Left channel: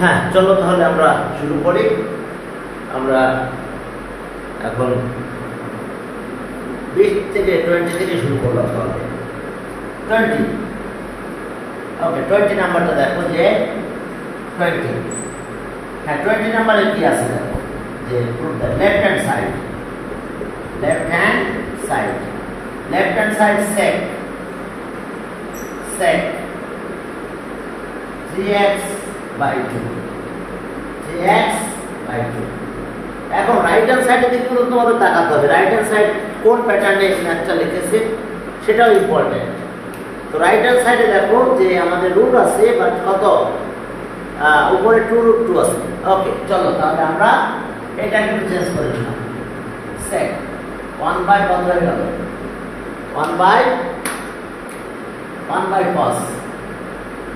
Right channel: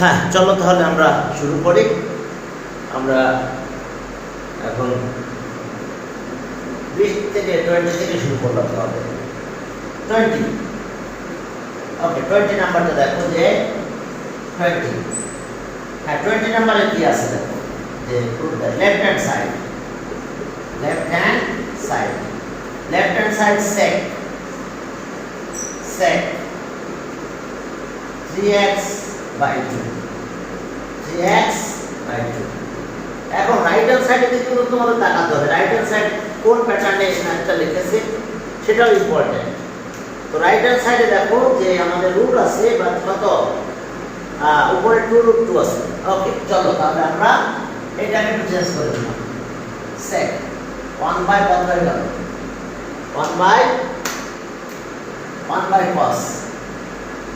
হ্যাঁ, চলো তাহলে আমরা শুরু করি। আমরা এখন 20 থেকে 20 থেকে শুরু করলাম। তাহলে 20, ওকে, 20 নাম্বারটা দেখো যে 20, হ্যাঁ 20 নাম্বারে কি আছে দেখো যে left hand side, left hand side, left hand side sec 3x by 2, 3x by 2। এখন রাইট হ্যান্ড সাইডে দিকে কিন্তু তোমাদের তাকাতে হবে, রাইট হ্যান্ড সাইড কোন প্যাটার্নে ম্যাথটা লিখেছে সেটাও ইম্পর্টেন্ট। তো রাইট হ্যান্ড সাইডে দেখো যে আমাদের রুট আছে বা কত, উপরে 2√2 আছে। ওকে, চলো তাহলে আমরা এটাকে একটু চেঞ্জ করে দিলাম। sec 1 বাই কত হয়ে গেল, 1 বাই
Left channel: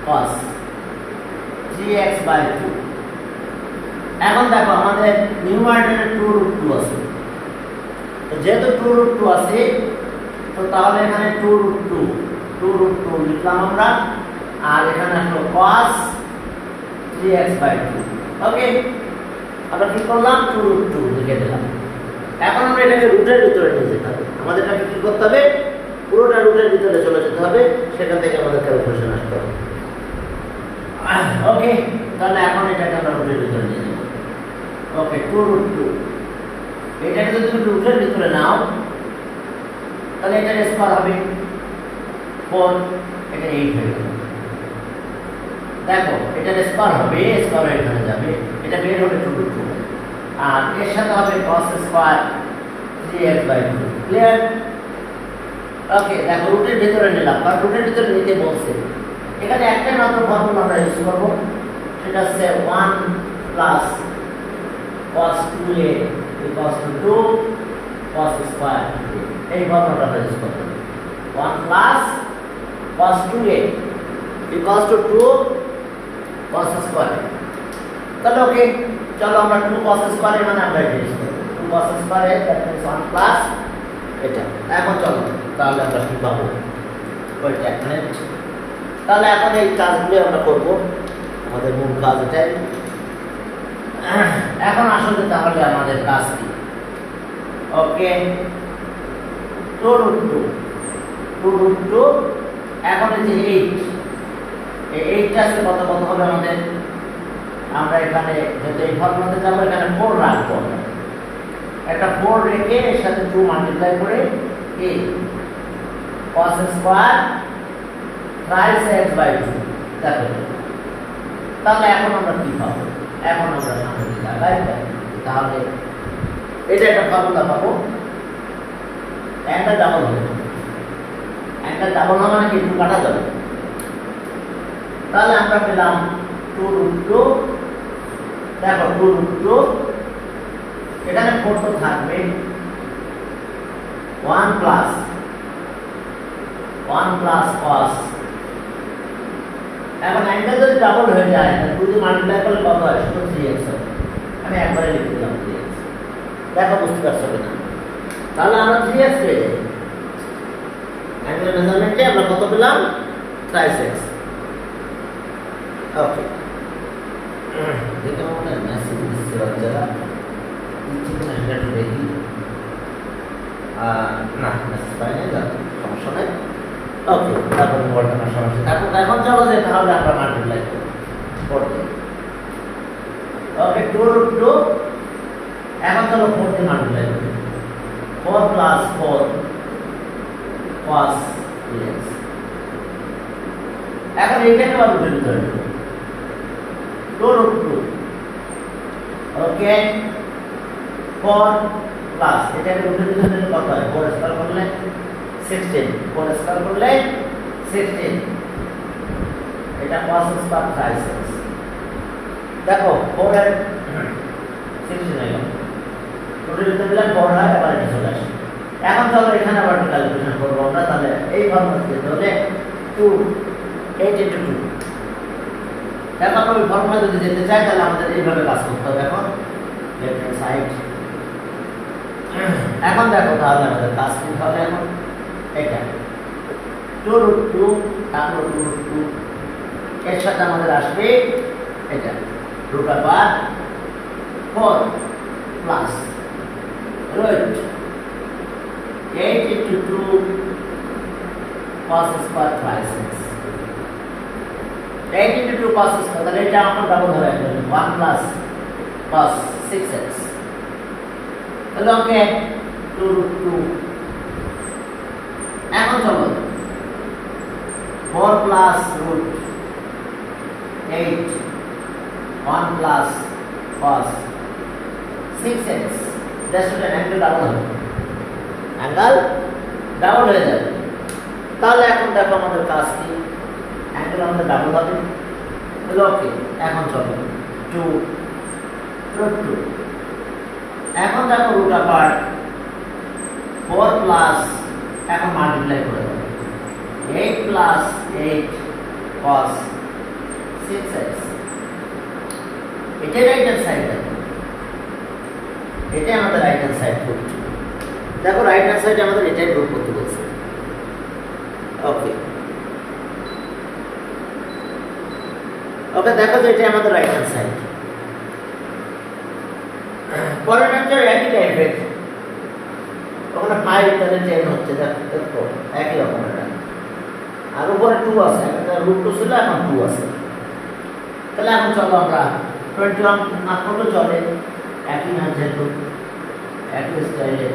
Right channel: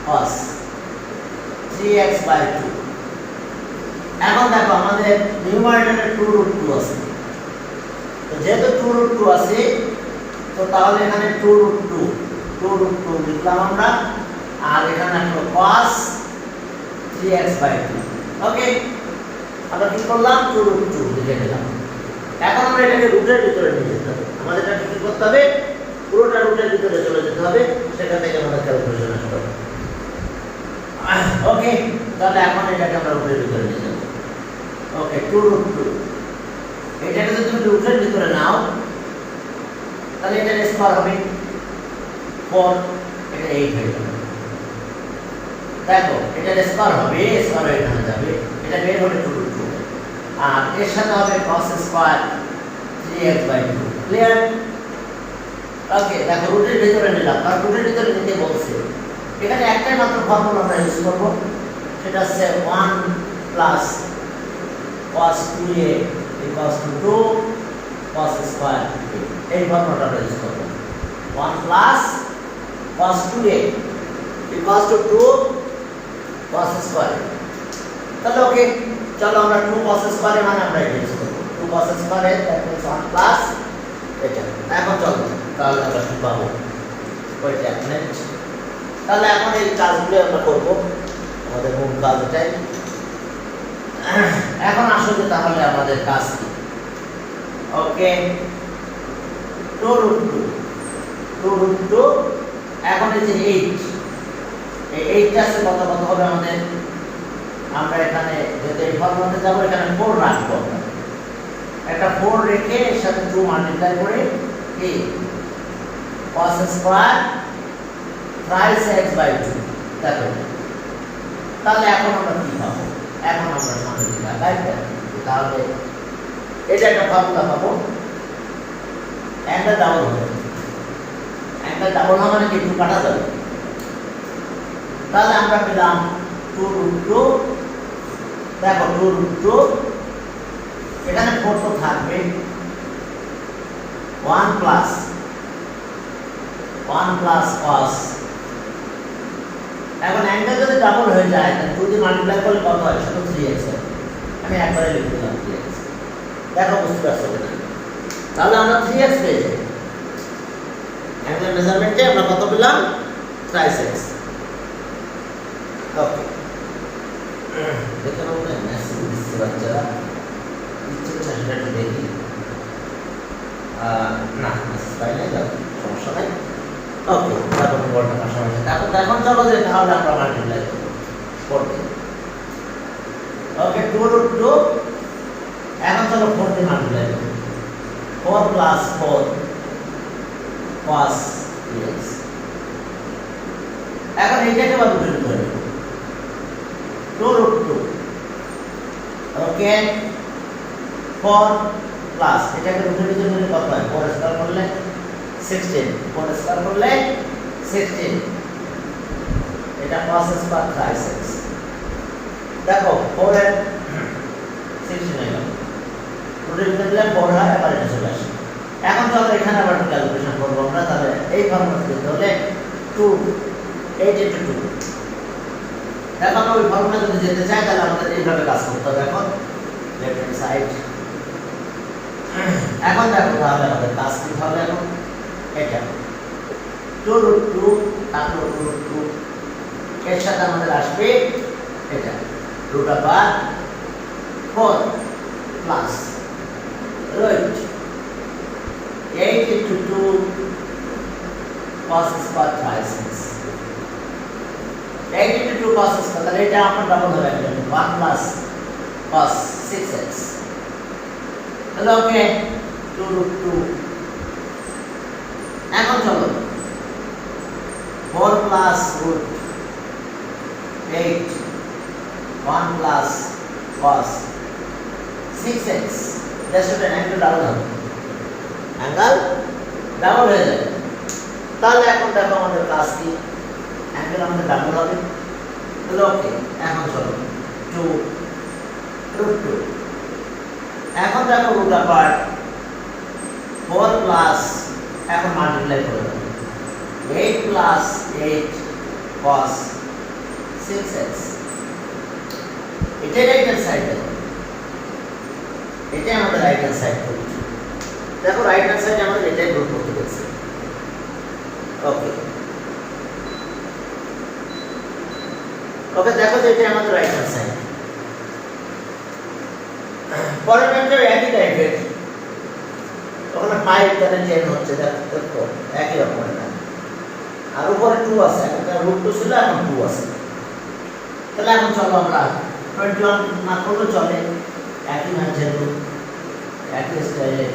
cos 3x by 2। এখন দেখো আমাদের নিউমারেটরে 2√2 আছে, তো যেহেতু 2√2 আছে তো তাহলে এখানে 2√2 লিখলাম আমরা, আর এখানে আসলো cos 3x by 2। ওকে, আমরা কি করলাম, 2√2 লিখে দিলাম। এখন আমরা এটাকে রুটের ভিতরে নিয়ে যেতে হবে, আমাদের এটা কি করতে হবে, পুরোটা রুটের ভিতরে চলে যেতে হবে, সেটা থেকে আমাদের ক্যালকুলেশন আসতে হবে। ওকে, তাহলে এখন এটাকে আমরা রুটের ভিতরে নিয়ে যাব। ওকে, 2√2 এটাকে যদি তুমি রুটের ভিতরে নাও তাহলে এটার স্কয়ার হবে 4, এটা 8 হয়ে যাবে। দেখো এটার স্কয়ার হবে, স্কয়ার এখানে যাবে, এটা বের হবে 2√2, আর এর সাথে হবে cos square 3x by 2। Clear? Okay, দেখো রুটের ভিতরে নিলাম, আর রুটের ভিতরে নিতে বলছে। এখানে একটাই মাত্র ফর্মুলা আমরা ইউজ করব, সেটা হচ্ছে 1 plus cos 2a equals to 2 cos square. এই ফর্মুলাটা আমরা ইউজ করব, 1 plus cos 2a equals to 2 cos square. তাহলে ওকে, চলো আমরা 2 cos স্কয়ার মানে আমরা এটা ইউজ করব, 2 cos square that means 1 plus এটা। এখন চলো তাহলে আমরা কি পাবো, ওইটা এখানে। তাহলে এখন এই কাজগুলো আমরা করব, আমাদের মূল কাজ এটাই। এখন আসলে তাহলে আমাদের কাজ কি, ওকে 2√2 এখন এই যে 8, এই 8টা আছে কত কত হবে আমাদের, আমরা এখানে যেহেতু এই ফর্মুলাতে যাব এখানে 4 রাখবো, একটা 4 রেখে এর সাথে 2 মাল্টিপ্লাই করে এই cos square thrice x by 2 দেখো। তাহলে এখন আমরা কি পাবো, এখন আমরা সামনে দিকে আগাই, তাহলে এটা একটা ফর্মুলা পাবো, অ্যাঙ্গেল ডাবল হবে, অ্যাঙ্গেল ডাবল হবে মানে কি, 2 কাটা যাবে। তাহলে আমরা পেলাম 2√2, দেখো 2√2 এখানে 4 তো থাকবে, 1 প্লাস cos। এখন অ্যাঙ্গেল যদি ডাবল হয়ে যায় তাহলে 2 দিয়ে মাল্টিপ্লাই করলে কত হয়, শুধু 3x হয়। আমি একবারে লিখে দিলাম 3x, দেখো বুঝতে পারছো কিনা। তাহলে আমরা 3x পেয়ে যাই, অ্যাঙ্গেল মেজারমেন্টে আমরা কত পেলাম, thrice x। ওকে, দেখে নাও কেন মেসেজ দিচ্ছে বাচ্চারা, ইচ্ছে করে সেটা একটু দেখি। না মেসেজ পাই নাই, সমস্যা নাই। ওকে, তারপর বর্তমান সমস্যা, তারপর এখন চলো যে তাহলে আমরা মাল্টিপ্লাই করব। ওকে, 2√2 এখন চলো 4 দিয়ে মাল্টিপ্লাই করব, 4 প্লাস 4 cos 3x। এখন এইটাকে বাদ দিতে হবে 2√2, ওকে 4 প্লাস এটাকে রুটের ভিতরে নিলে কত হয়, 4 স্কয়ার করলে 16, 4 স্কয়ার করলে 16, এটা cos স্কয়ার thrice x। দেখো 4 এর 16 হয়ে গেল, রুটের ভিতরে দিলে 4 হয়, আবার এটা চলে আসে। এখন চলো এখানে আবার ক্যালকুলেশন করব আমরা, তাহলে এই ফর্মুলা দিতে হলে 2 8 * 2। দেখো আমরা ওই ফর্মুলা যদি যেতে চাই তাহলে আমাদের এইভাবে কাজ করতে হবে। এখন লেফট হ্যান্ড সাইড, এখন দেখো তাহলে আমাদের কাজ কি হবে, এখন এটা 2√2 তারপর √2 এর সাথে আমাদের আসবে এটা root over 4 plus root 8 into 2 cos square 5 6 8 into 2 cos square তাহলে এটা আমরা ডাবল হবে 1 plus cos 6x তাহলে ওকে 2 root 2 এখন চলো 4 plus root 8 1 plus cos 6x that's what an angle double হবে angle double হয়ে যাবে তাহলে এখন দেখো আমাদের কাজ কি angle আমাদের ডাবল হবে তাহলে ওকে এখন চলো 2 root 2 এখন দেখো root apart 4 plus এখন মাল্টিপ্লাই করে দেব 8 plus 8 cos 6x এটা রাইট হ্যান্ড সাইড এটা আমাদের রাইট হ্যান্ড সাইড করছি দেখো রাইট হ্যান্ড সাইডে আমাদের এটাই রুট করতে বলছে ওকে ওকে দেখো যে এটা আমাদের রাইট হ্যান্ড সাইড পরের ম্যাথটা একই টাইপের ওখানে 5 তাহলে 10 হচ্ছে দেখো একই রকম এটা আর উপরে 2 আছে এটা রুট 2 ছিল এখন 2 আছে তাহলে এখন চলো আমরা 21 না করলে চলে একই ম্যাথ যেহেতু একই স্টাইলে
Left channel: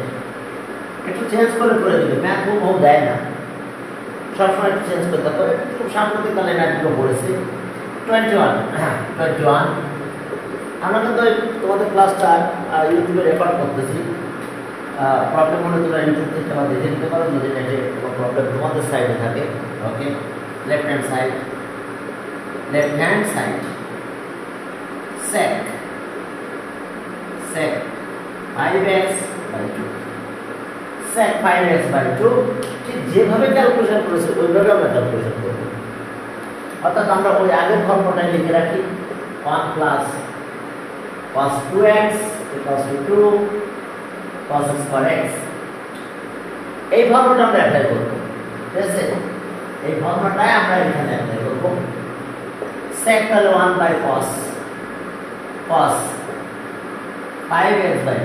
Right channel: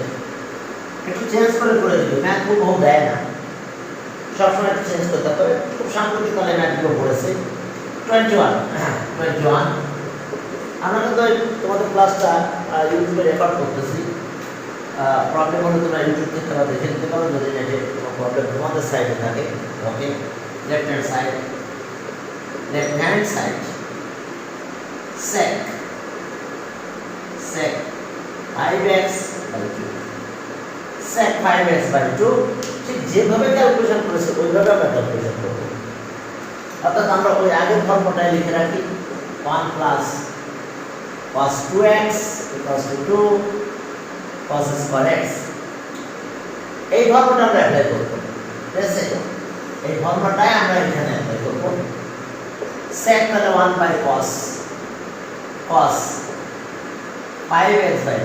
একটু চেঞ্জ করে দিবে ম্যাথ বহু দেয় না সবসময় একটু চেঞ্জ করতে হবে খুব সাম্প্রতিক কালে ম্যাথগুলো পড়েছে 21 আমরা কিন্তু তোমাদের ক্লাসটা ইউটিউবে রেকর্ড করতেছি প্রবলেম হলে তোমরা ইউটিউব থেকে আবার দেখে নিতে পারো যদি নেটে কোনো প্রবলেম তোমাদের সাইডে থাকে ওকে left hand side sec 5x by 2 sec 5x by 2 ঠিক যেভাবে ক্যালকুলেশন করেছে ওইভাবে আমরা ক্যালকুলেশন করব অর্থাৎ আমরা ওই আগের ফর্মুলাটা লিখে রাখি 1 plus cos 2x equals to 2 cos square x এই ফর্মুলাটা আমরা অ্যাপ্লাই করব ঠিক আছে এই ফর্মুলাটাই আমরা এখানে অ্যাপ্লাই করব sec তাহলে 1 by cos 5x by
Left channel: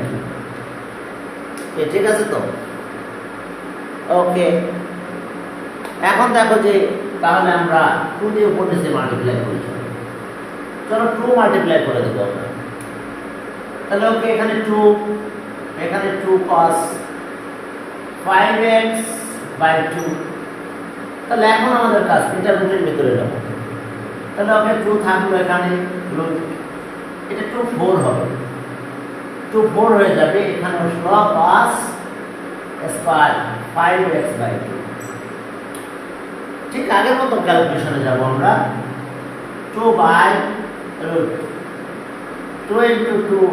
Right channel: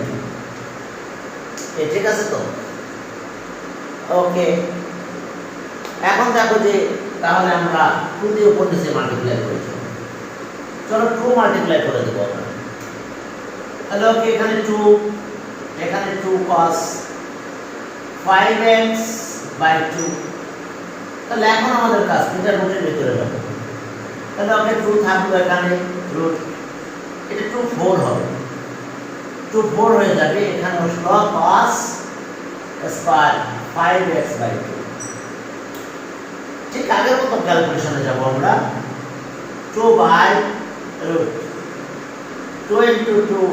2 ঠিক আছে তো ওকে এখন দেখো যে তাহলে আমরা 2 দিয়ে উপর নিচে মাল্টিপ্লাই করি চলো 2 মাল্টিপ্লাই করে দেব আমরা তাহলে ওকে এখানে 2 cos 5x by 2 তাহলে এখন আমাদের কাজ এটা রুটের ভিতরে যাবে তাহলে ওকে 2 থাকবে এখানে রুট এটা 2 4 হবে 2 4 হয়ে যাবে এখানে আসলো cos স্কয়ার 5x by 2 ঠিক আগের মতো ক্যালকুলেশনে যাব আমরা 2 by root 2 into 2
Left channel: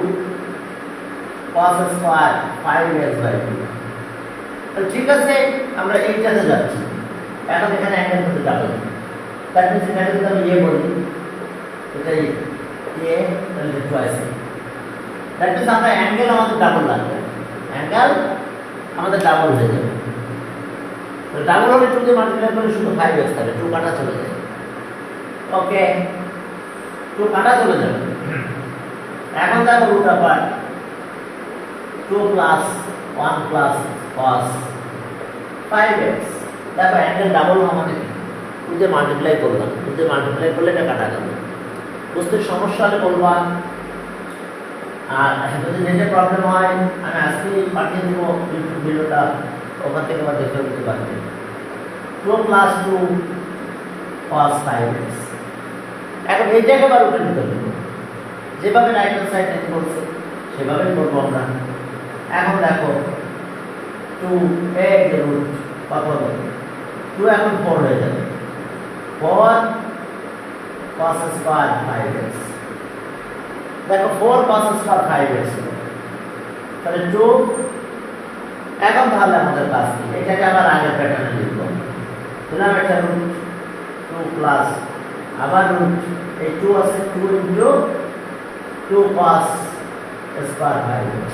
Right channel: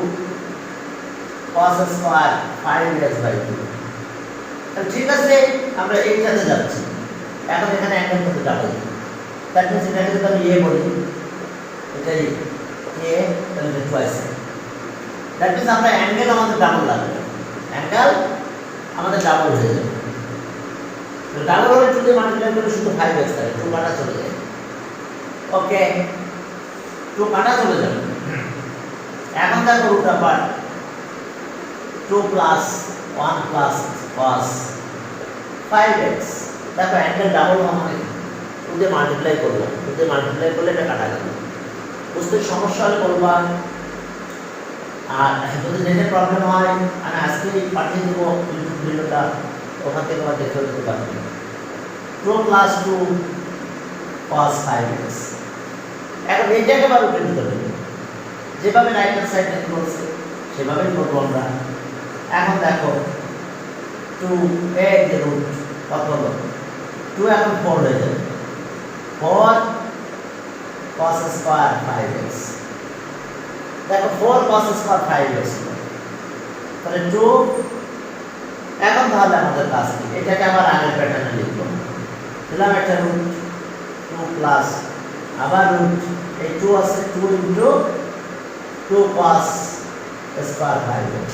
cos square 5x by 2 তাহলে ঠিক আছে আমরা এইটাতে যাচ্ছি এখন এখানে অ্যাঙ্গেল করতে ডাবল তার মানে এখানে যদি আমি বলি এটাই তাহলে টুয়াইস দ্যাট মিন্স আমরা অ্যাঙ্গেল আমাদের ডাবল লাগবে অ্যাঙ্গেল আমাদের ডাবল হয়ে যাবে তো ডাবল হলে 2 দিয়ে মাল্টিপ্লাই করলে শুধু 5x থাকে 2 কাটা চলে যায় ওকে 2 কাটা চলে যাবে এখন দেখো রুট আপার 2 plus 1 plus cos 5x দেখো অ্যাঙ্গেল ডাবল আমাদের 2 দিয়ে মাল্টিপ্লাই করলাম 2 দিয়ে মাল্টিপ্লাই করলে এটা কাটা গেল বুঝতে সমস্যা হলে বলবা আর যদি নেটে প্রবলেম হয় আমি আজকে পাঠিয়ে দেবো ইউটিউব ভিডিওটা ওখান থেকে আমরা দেখে দিতে পারবেন 2 plus 2 cos 5x এখন এইটাকে আবার রুটের ভিতরে দেবো যেভাবে রাইট হ্যান্ড সাইড থেকে বলছে সেভাবেই করবো আমরা এখন দেখো 2 এর রুট কত হলো 2 এখন 4 হয়ে যাবে 4 cos square 5x দেখো 4 cos square 5x তাহলে 2 এখন তাহলে আমাদের কাজ কি এটাকে আবার আগের প্যাটার্নে লিখব দিলাম একটা রুট 2 প্লাস আবার রুট এই 2 আছে 2 ইনটু 2 cos square 5x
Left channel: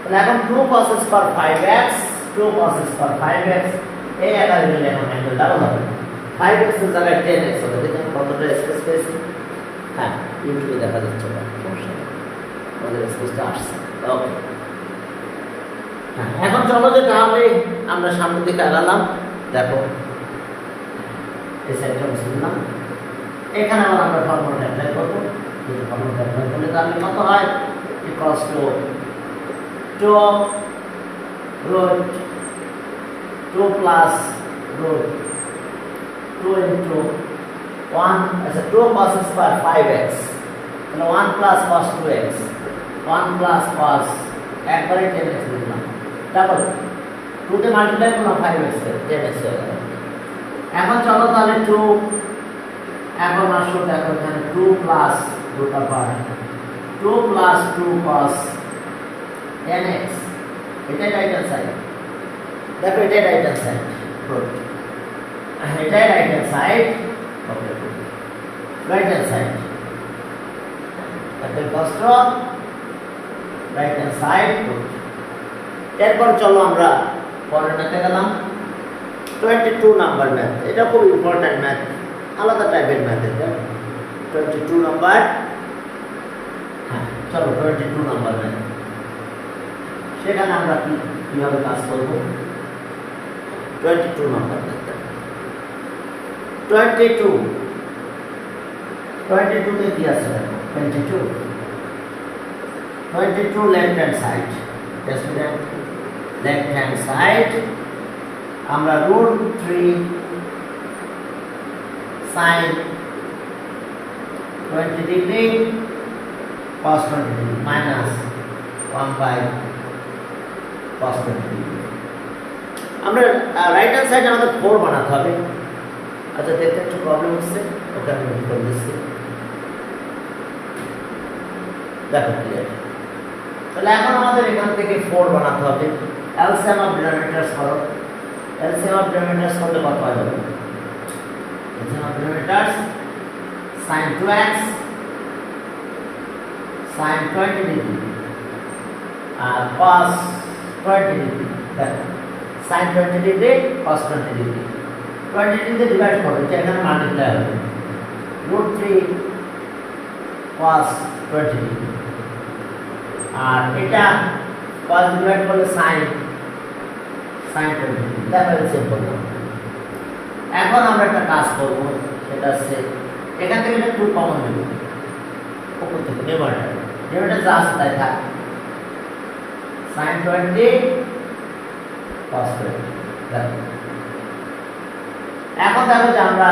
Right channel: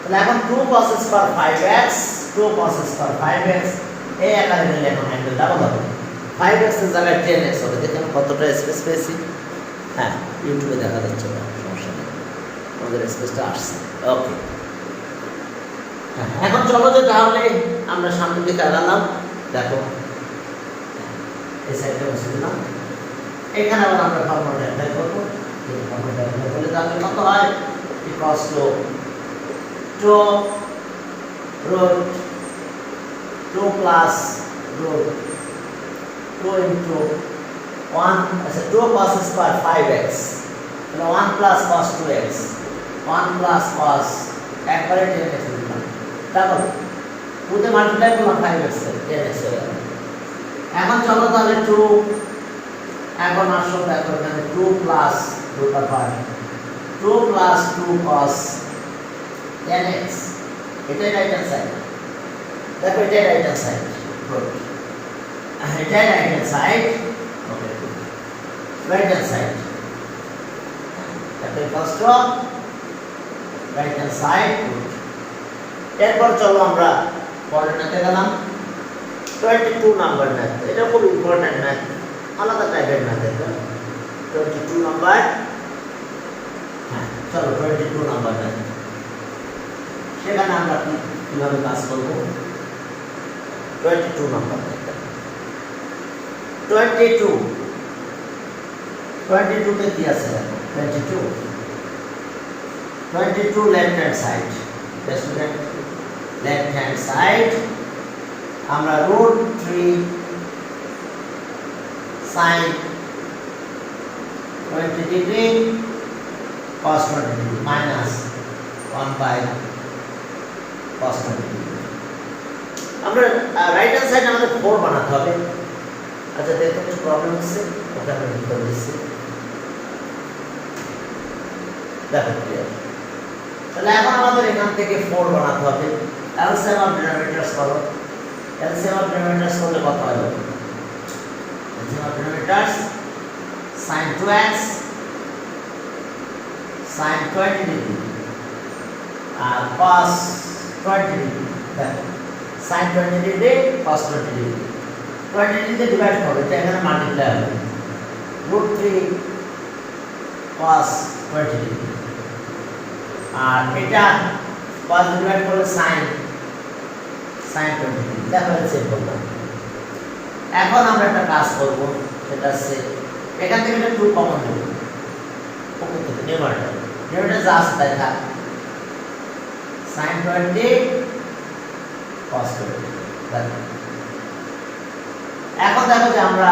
তাহলে এখন 2 cos square 5x 2 cos square 5x এই আকারে মিলে এখন অ্যাঙ্গেল ডাবল হবে 5x এর জায়গায় 10x হবে দেখুন কতটা স্পেস পেয়েছি হ্যাঁ ইউটিউবে দেখা যাচ্ছে না, সমস্যা নেই, আমাদের স্পেসটা আসছে। ওকে, হ্যাঁ, এখন চলো যে তাহলে আমরা সামনের দিকে আগালাম। দেখো এই সাইডটা বুঝলাম, এখানে আবার আমরা ফর্মুলা অ্যাপ্লাই করবো। ফর্মুলা অ্যাপ্লাই করলে তাহলে কত হয়, equals to 2 plus root 2 into 1, আচ্ছা 2 cos স্কয়ার 5x, তাহলে 1 plus cos 2x, 1 plus cos একবারে 10x লিখলাম, তারপর 2 তে মাল্টিপ্লাই করলাম 5x এর 10x হয়ে গেল। এখন চলো তাহলে 2, এখন আসো দেখো এখানে 2 plus root over 2 plus 2 cos 10x, এটাই রাইট হ্যান্ড সাইড, দেখো এটাই রাইট হ্যান্ড সাইড, গুড, এটাই right hand side, okay good, right hand side, তারপর কষ্ট রাইট হ্যান্ড সাইড, গুড। এরপর চলো আমরা পরের ম্যাথে গেলাম, 22 নাম্বার ম্যাথ, এটা খুব ইম্পর্টেন্ট ম্যাথ, আলাদা টাইপের ম্যাথ এটা, 22 নাম্বার, হ্যাঁ চলো 22 নাম্বার ম্যাথ, সেখানে আমরা কিভাবে কাজ করব। 22 নাম্বার, 22 তে কি আছে দেখো, 22 left hand side, left hand side আমরা √3 sin 20 degree cos 20 degree minus 1 by cos 20 degree. আমরা রাইট হ্যান্ড সাইড আমাদের 4 বানাতে হবে। আচ্ছা দেখতে একটু প্রবলেম হচ্ছে, ওটা আমি করে দিচ্ছি, দেখো ক্লিয়ার। তাহলে এখন আমাদের এখান থেকে 4 বানাতে হবে। এলসিএম অফ ডিনোমিনেটরস করো, এলসিএম অফ ডিনোমিনেটরস করলে কত হয়? LCM of denominators sin 2x sin 20 degree আর cos 20 ডিগ্রি, দেখো sin 20 ডিগ্রি cos 20 ডিগ্রি, 20 ডিগ্রিতে ডিভাইড করবে, এটা এখানে মাল্টিপ্লাই হবে, √3 cos 20 ডিগ্রি, আর এটা cos ডিভাইড করলে sin 20 ডিগ্রি, দেখো সেভ করলাম। এখন আমরা একটা কাজ করব, সেটা হচ্ছে এখান থেকে একটা 2 কমন নেব, উপর থেকে নিউমারেটর যা আছে তাই থাক, sin 20 cos 20, দেখো এখন দেখো যে আমরা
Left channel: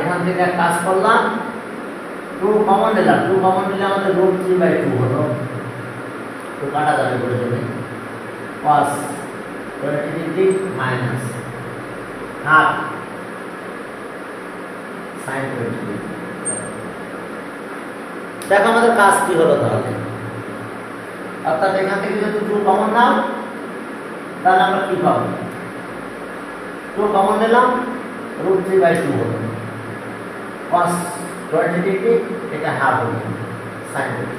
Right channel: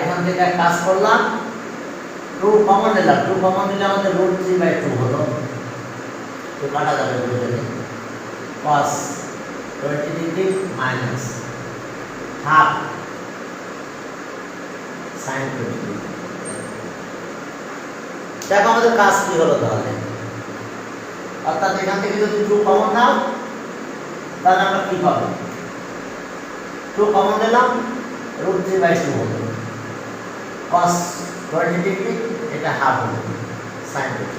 এখান থেকে এক কাজ করলাম, 2 কমন নিলাম, 2 কমন নিলে আমাদের √3/2 হলো, তো কাটা যাবে বলে দেবে, cos 20 degree minus half sin 20 degree. দেখো আমাদের কাজ কি হলো তাহলে, অর্থাৎ এখান থেকে যদি 2 কমন নাও তাহলে আমরা কি পাবো, 2 কমন দিলাম, √3/2 হলো, cos 20 ডিগ্রি এটা হাফ হলো sin 20।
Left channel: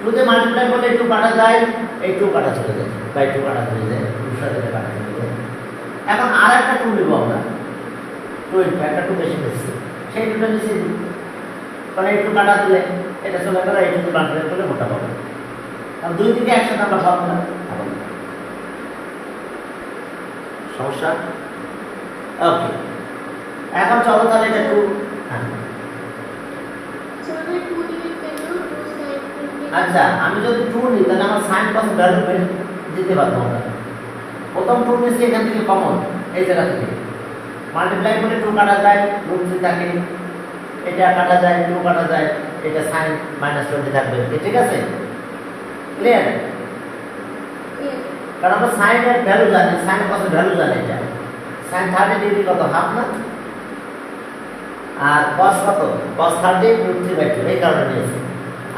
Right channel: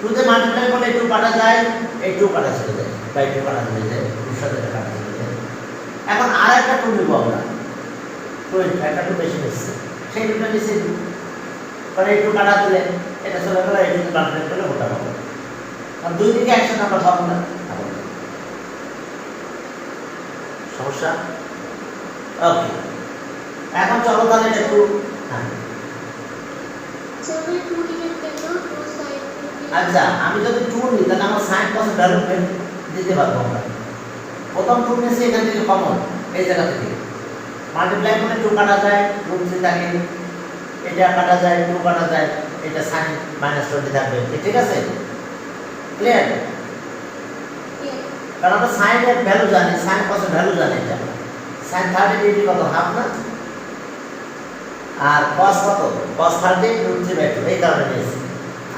2 তে মাল্টিপ্লাই করলে 2 কাটা যায়, এই 2 কাটা চলে যায়, বাই 2 কাটা চলে যায়, 2 সাথে কাটা চলে যায়। এখন আর একটা 2 নিব আমরা, 2 একটা 2 বেশি হচ্ছে, সেই 2টা নিচে দিই, কারণ এই 2 কাটা দিলে এটা চলে গেল, এই 2 তে মাল্টিপ্লাই করলে মোটা পাবো, আর 2 দিকে একসাথে আমরা ফর্মুলা সমস্যা। ওকে, এখন চলো তাহলে এটা 2, হ্যাঁ আচ্ছা আমি যদি 2 নিই তাহলে আমার sin cos এর ভ্যালু দিতে পারবো আমরা। প্রথম 2 নিয়েছি এখান থেকে কমন, এই জায়গা থেকে মাল্টিপ্লাই করলে 2 কাটা যায়, √3 থাকে, এটা কাটা যায়, 2 কাটা যায়, এটা sin -20 থাকবে, ঠিক আছে ক্লিয়ার? কারণ আমরা sin এর ভ্যালু জানি, sin cos এর ভ্যালু জানি, এটা sin 30 ডিগ্রি কত, হাফ না, আর cos কত, cos 30 √3/2, এই কারণে নিয়েছি।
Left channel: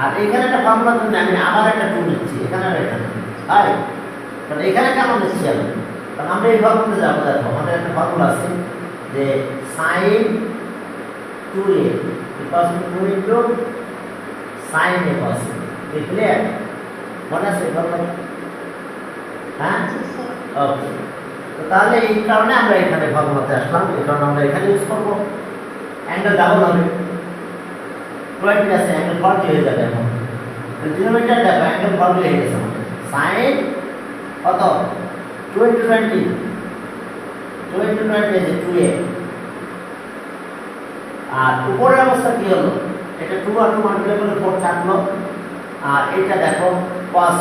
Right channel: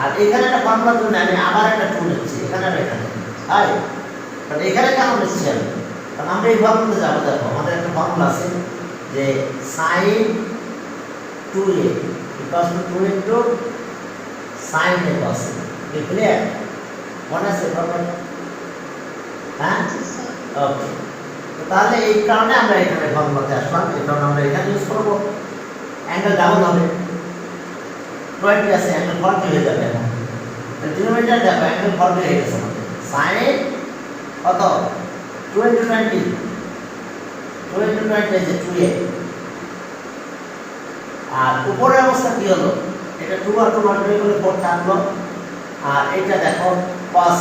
আর এখানে একটা ফর্মুলা জন্য আমি আবার একটা 2 নিচ্ছি, এখানে আর এখানে, আর তাহলে এখানে কেন নিচ্ছি আমি, কারণ আমরা এই ফর্মুলাতে যাব। দেখো আমাদের একটা ফর্মুলা আছে যে sin 2a = 2 into sin a cos a, এই ক্লিয়ার? মনে আছে ফর্মুলা? হ্যাঁ ওকে, তো তাহলে এই কারণে আমরা এখানে ফর্মুলাতে আসলাম, এই কারণে আমরা এখানে ইউজ করব। অ্যাঙ্গেল ডাবল হবে 20 আছে অ্যাঙ্গেল 40 হয়ে যাবে এখন ডিনোমিনেটর দেখো অ্যাঙ্গেল 40 হয়ে গেছে আমাদের sin কত 2 * 20 2 * 20 is 2a আর উপরের অবস্থা কি হলো এটা 2 আর 2 মাল্টিপ্লাই করলে 4 থাকলো আর এটা দেখো cos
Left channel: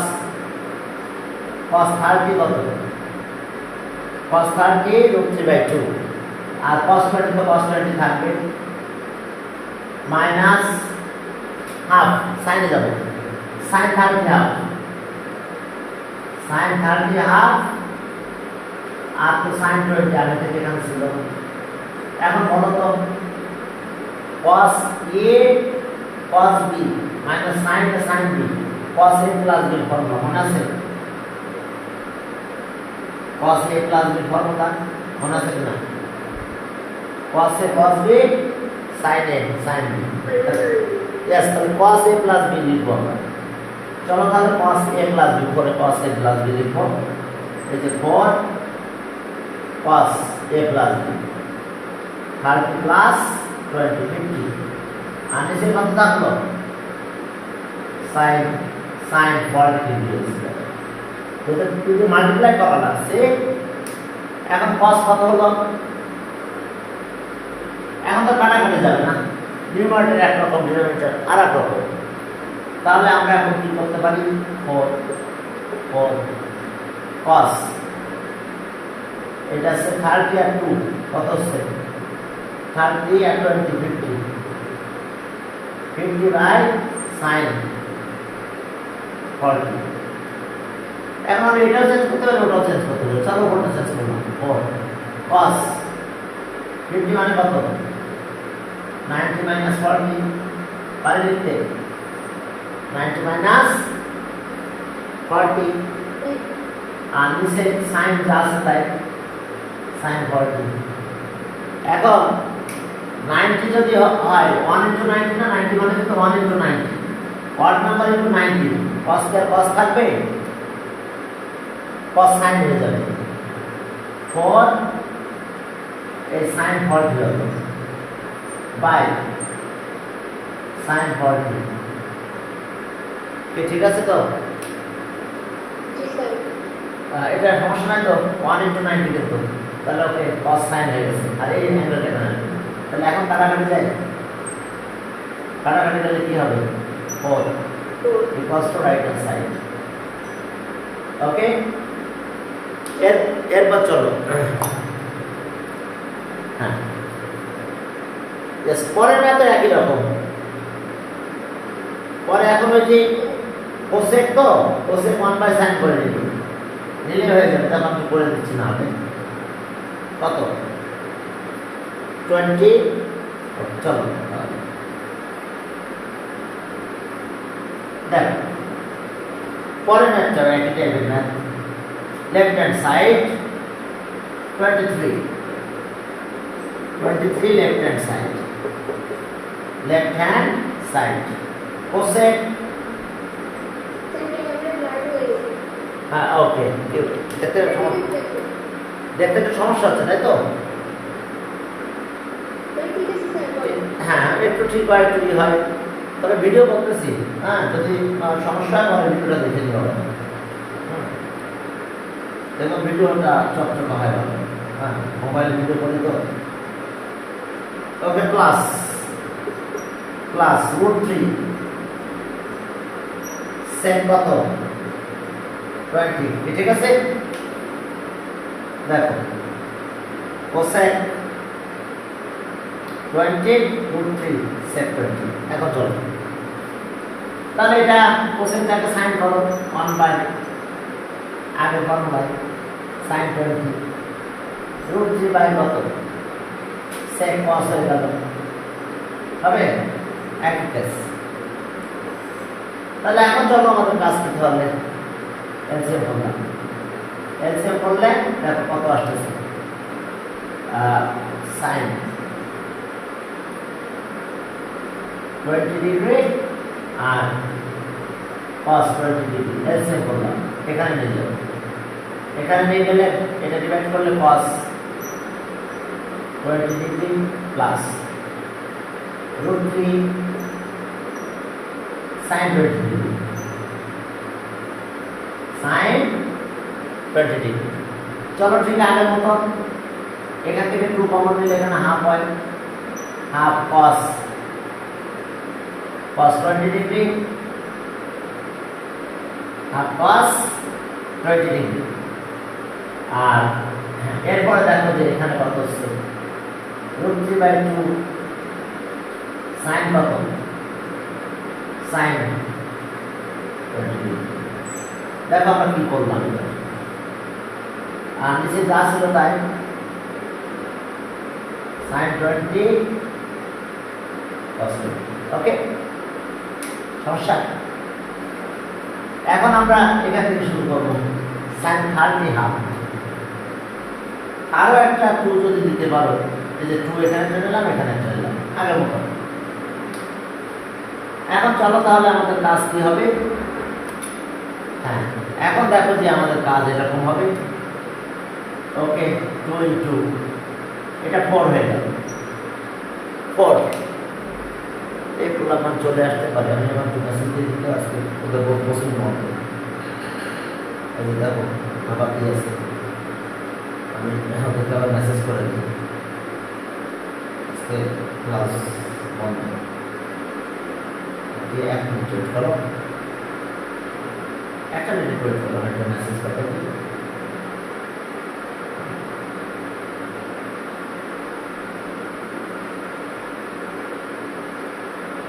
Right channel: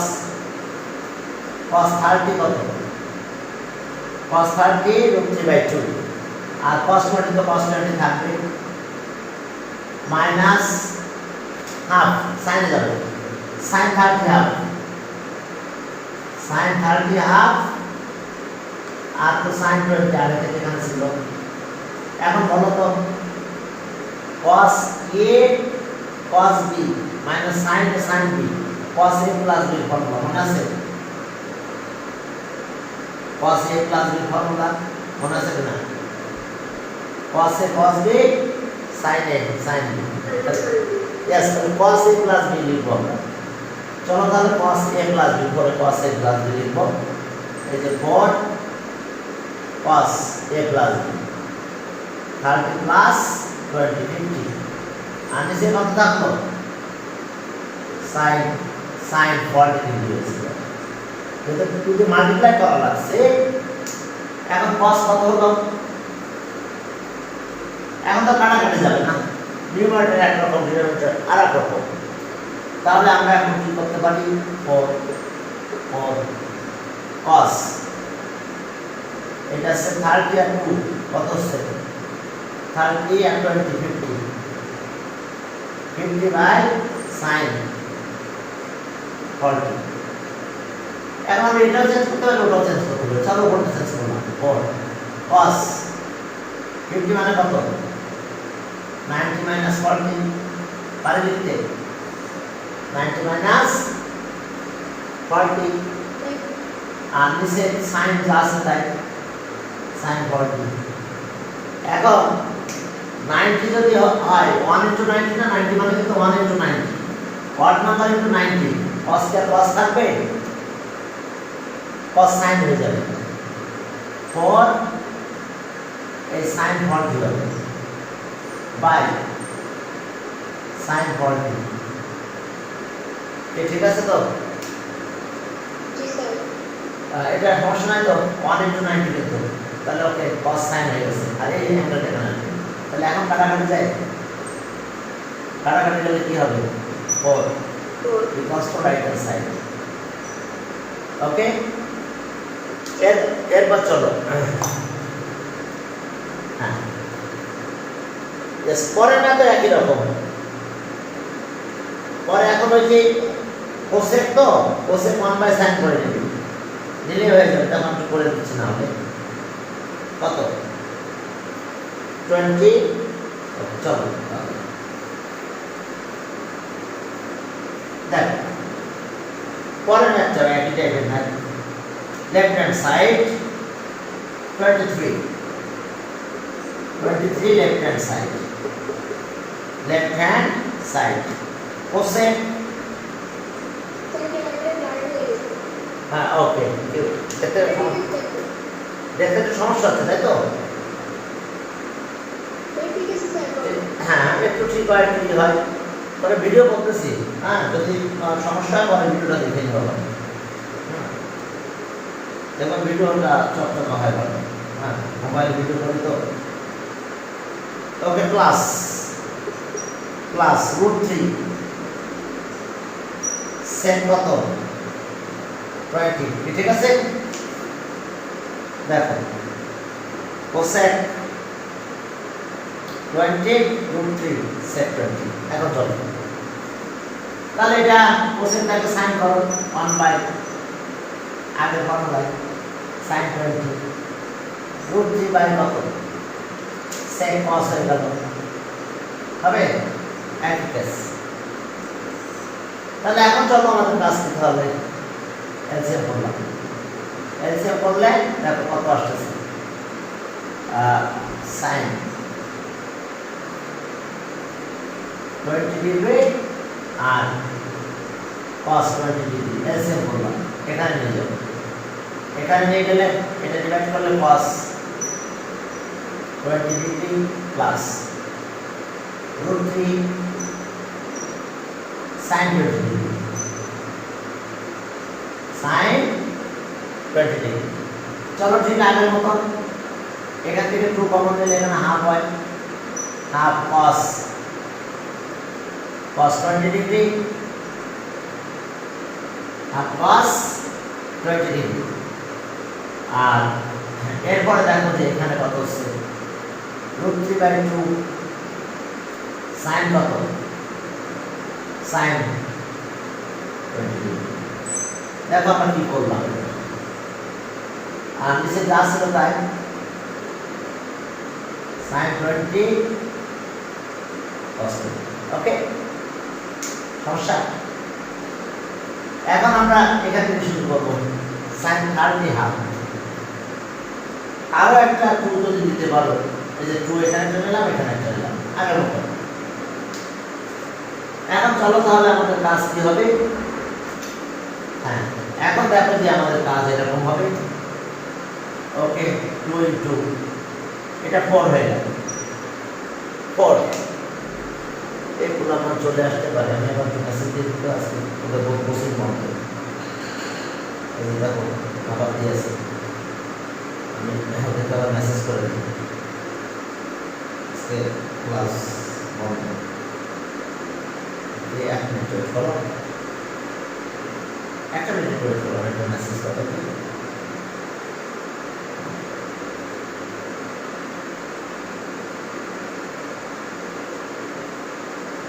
30 কত cos 30 √3/2 আর cos 20 তো cos 20 থাকবে মাইনাস হাফ সাইনে যাব sin 30 হাফ sin 30 হাফ আর তো sin 20 আগে থেকে এখানে ছিল এখন বলো তো cos a cos b minus sin a sin b cos a plus b formula মনে আছে cos a plus b formula মনে আছে না cos a cos b sin a sin b yes তাহলে cos a plus b লিখবো আমরা চলো তাহলে cos a plus b করে cos a plus b লিখবো এই যে 4 cos a plus b 30 plus 20 50 আর নিচে কত থাকলো sin 40 ডিগ্রি এটা যদি মাল্টিপ্লাই করা লাগছে এখন cos কত হলো এখন তো কাটাকাটি যাবে না ডিনোমিনেটর এক রকম ডিনোমিনেটর আরেক রকম তাহলে আমরা এখন কি করতে পারি 4 cos এটা আছে 30 আর 2 কত হচ্ছে 30 আর 20 50 by sin 40 এখন আমি এটা চেঞ্জ করতে হবে ওটা চেঞ্জ করতে হবে চলো ওটা চেঞ্জ করলাম 4 cos 50 মানে কত 90 minus 40 পারে লিখতে 90 minus 40 আর নিচে sin যা আছে তাই sin 40 এখন 90 যদি হয় 1 into 90 না 90 মানে কিন্তু 1 into 90 odd number into 90 cos কে cos থাকবে cos sin হয়ে যাবে 4 এই sin 40 হবে বাই sin 40 ঠিক আছে তো জি স্যার এটা সমস্যা নাই তো 1 into 90 কিন্তু তাহলে ওকে cos sin হয়ে গেছে আর এই আমরা দেখেন তাহলে এখন কাটাকাটি যায় কাটাকাটি গেলে কি হবে 4 because to right hand side ওকে এরপর চলো হ্যাঁ পরের ম্যাথ একই রকম পরে এখন ওই যে কোসেক তো কোসেক 1/sin করে নিলে হয়ে যাবে তখন আমি করে দিচ্ছি না আমি কত 20 চলো দেখ পরের ম্যাথটা একই টাইপের math left hand side 23 left hand side cosec হ্যাঁ ওকে দেখতে তো সমস্যা আছে তাই তো হ্যাঁ একটু ঠিক হয় একটু ঠিক হয় তবে ভিডিও করতেছি হ্যাঁ যদি সমস্যা হয় তাহলে ভিডিওটা দেখে নিতে হবে দেখুন ভিডিওটা চকচকা হয় ভালো হ্যাঁ মোবাইল ভিডিও করে তো ওকে প্লাস √3 সেক কত 20 ঠিক আছে দেখো কোসেক 20 √3 সেক 20 এখন চলো তাহলে এটা কোসেকটাকে সাইন করো 1 বাই আগের ফর্মুলা sin 20 √3 বাই কত sec cos হয়ে গেল হবে একই কেস তাহলে এখন চলো আমাদের কাজ করতে হবে এলসিএম করলে দেখো কত আসতেছে sin 20 ডিগ্রি আর cos 20 ডিগ্রি এলসিএম করলাম এখানে নিয়ে যাবো এখানে নিয়ে গেলে এটা ডিভাইড করলে cos 20 degree plus root 3 sin 20 degree, sin 20 degree। চলো ঠিক আগের মতো এখান থেকে 2 কমন নিলে এখানে হাফ হয়, half cos 20 degree, half cos 20 degree. আর এরপরে দেখো যে এখানে কত হচ্ছে root 3/2 sin কত, sin 20 ডিগ্রি। দেখো আমরা কি করলাম, আর নিচে যা ছিল তাই sin 20 cos 20। ওকে, সমস্যা। এখন আমরা এখান থেকে শুরু করবো sin 30 হাফ। আরো একটা 2 যদি দিতে পারো, এই যে 2 এখানে চলে এলাম, এখানে চলে এলাম আগের মতো। এখন চলো তাহলে আমাদের কাজ কি হবে। হ্যাঁ, এখন দেখো যে আমাদের কাজ এরকম হবে। ওকে, 2 ইন্টু এটা 4 হয়ে গেল, 4 এগুলো আমার চলে আসতে পারে। আমি এখন একটু মেসেজ দিয়ে দিতে আসছি, ওদের বহুত পছন্দ হবে। এই যে দেখো আবার দিয়েছে, আমি ওদেরকে আবার মেসেজ করে দিই ক্লাস 1 দিয়ে 1 মিনিট ওয়েট করো, 1 মিনিট ওয়েট করো, একটা মেসেজ করে দিই।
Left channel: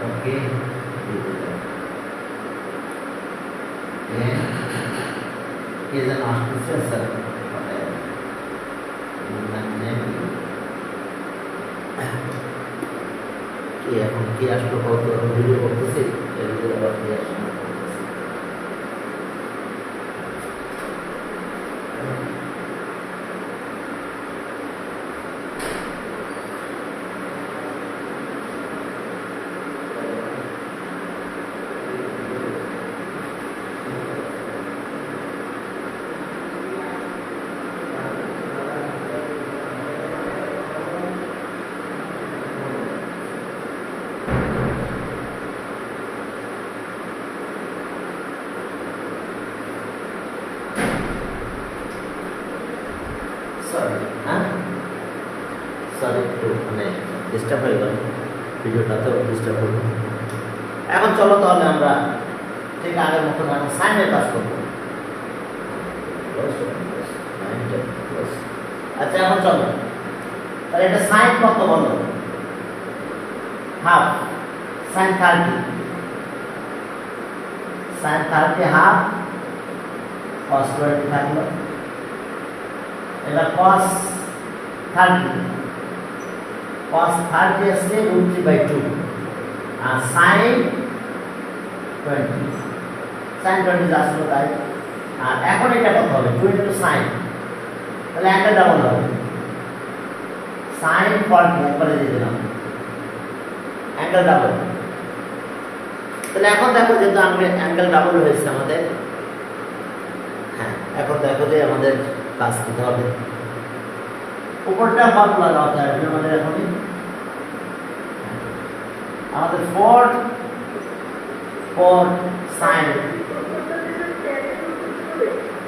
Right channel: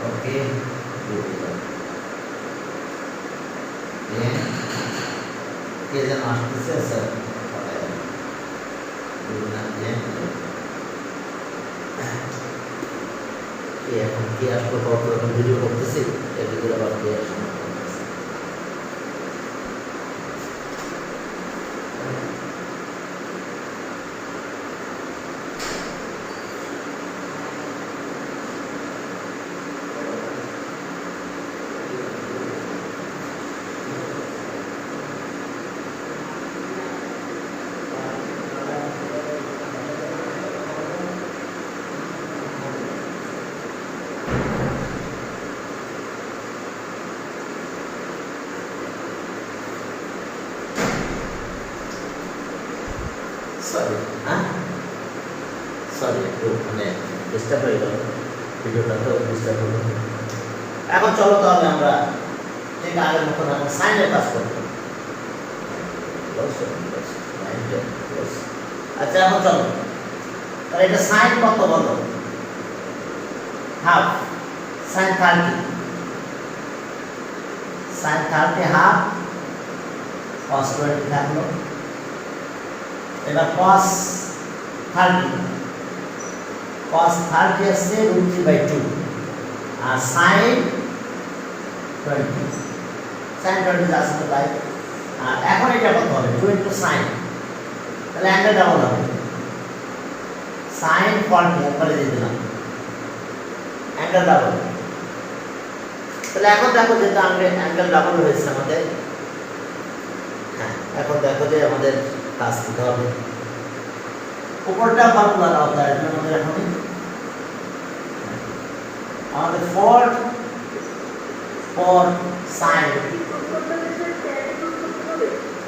ওকে, কে যেন আসতেছে স্যার, এখন কি আসলো কত ভিডিও করতেছি, এর ভিতরে আবার কে আসলো সরি, হ্যাঁ সরি, একটু মানে ডিস্টার্ব হয়ে গেল, ভিডিওটা তো ডিস্টার্ব হলো। এখন চলো তাহলে আমরা ঠিক আগের মতো আমরা সাইনের কাজ করবো। আচ্ছা, এখন চলো তাহলে এটা সাইন কত বলো, half sine 30, sine 30 half cos 20 থাকলো। এবার cos 30, cos 30 আসছে root 3/2 আর sin 20, sin 20 আসছে তাই। আর এখন এটা কত হবে, 2 into sin, তাহলে অ্যাঙ্গেল ডাবল হবে, sin 40 একবারে দিয়ে দিলাম, অ্যাঙ্গেল ডাবল। তাহলে এখন দেখো যেহেতু অ্যাঙ্গেল ডাবল হয়েছে আমাদের, হ্যাঁ এখন দেখো যে আমাদের কাজ করতে হবে। উপরটা ফর্মুলা দাও, তাই আমাদের এখন আমাদের 4 sin,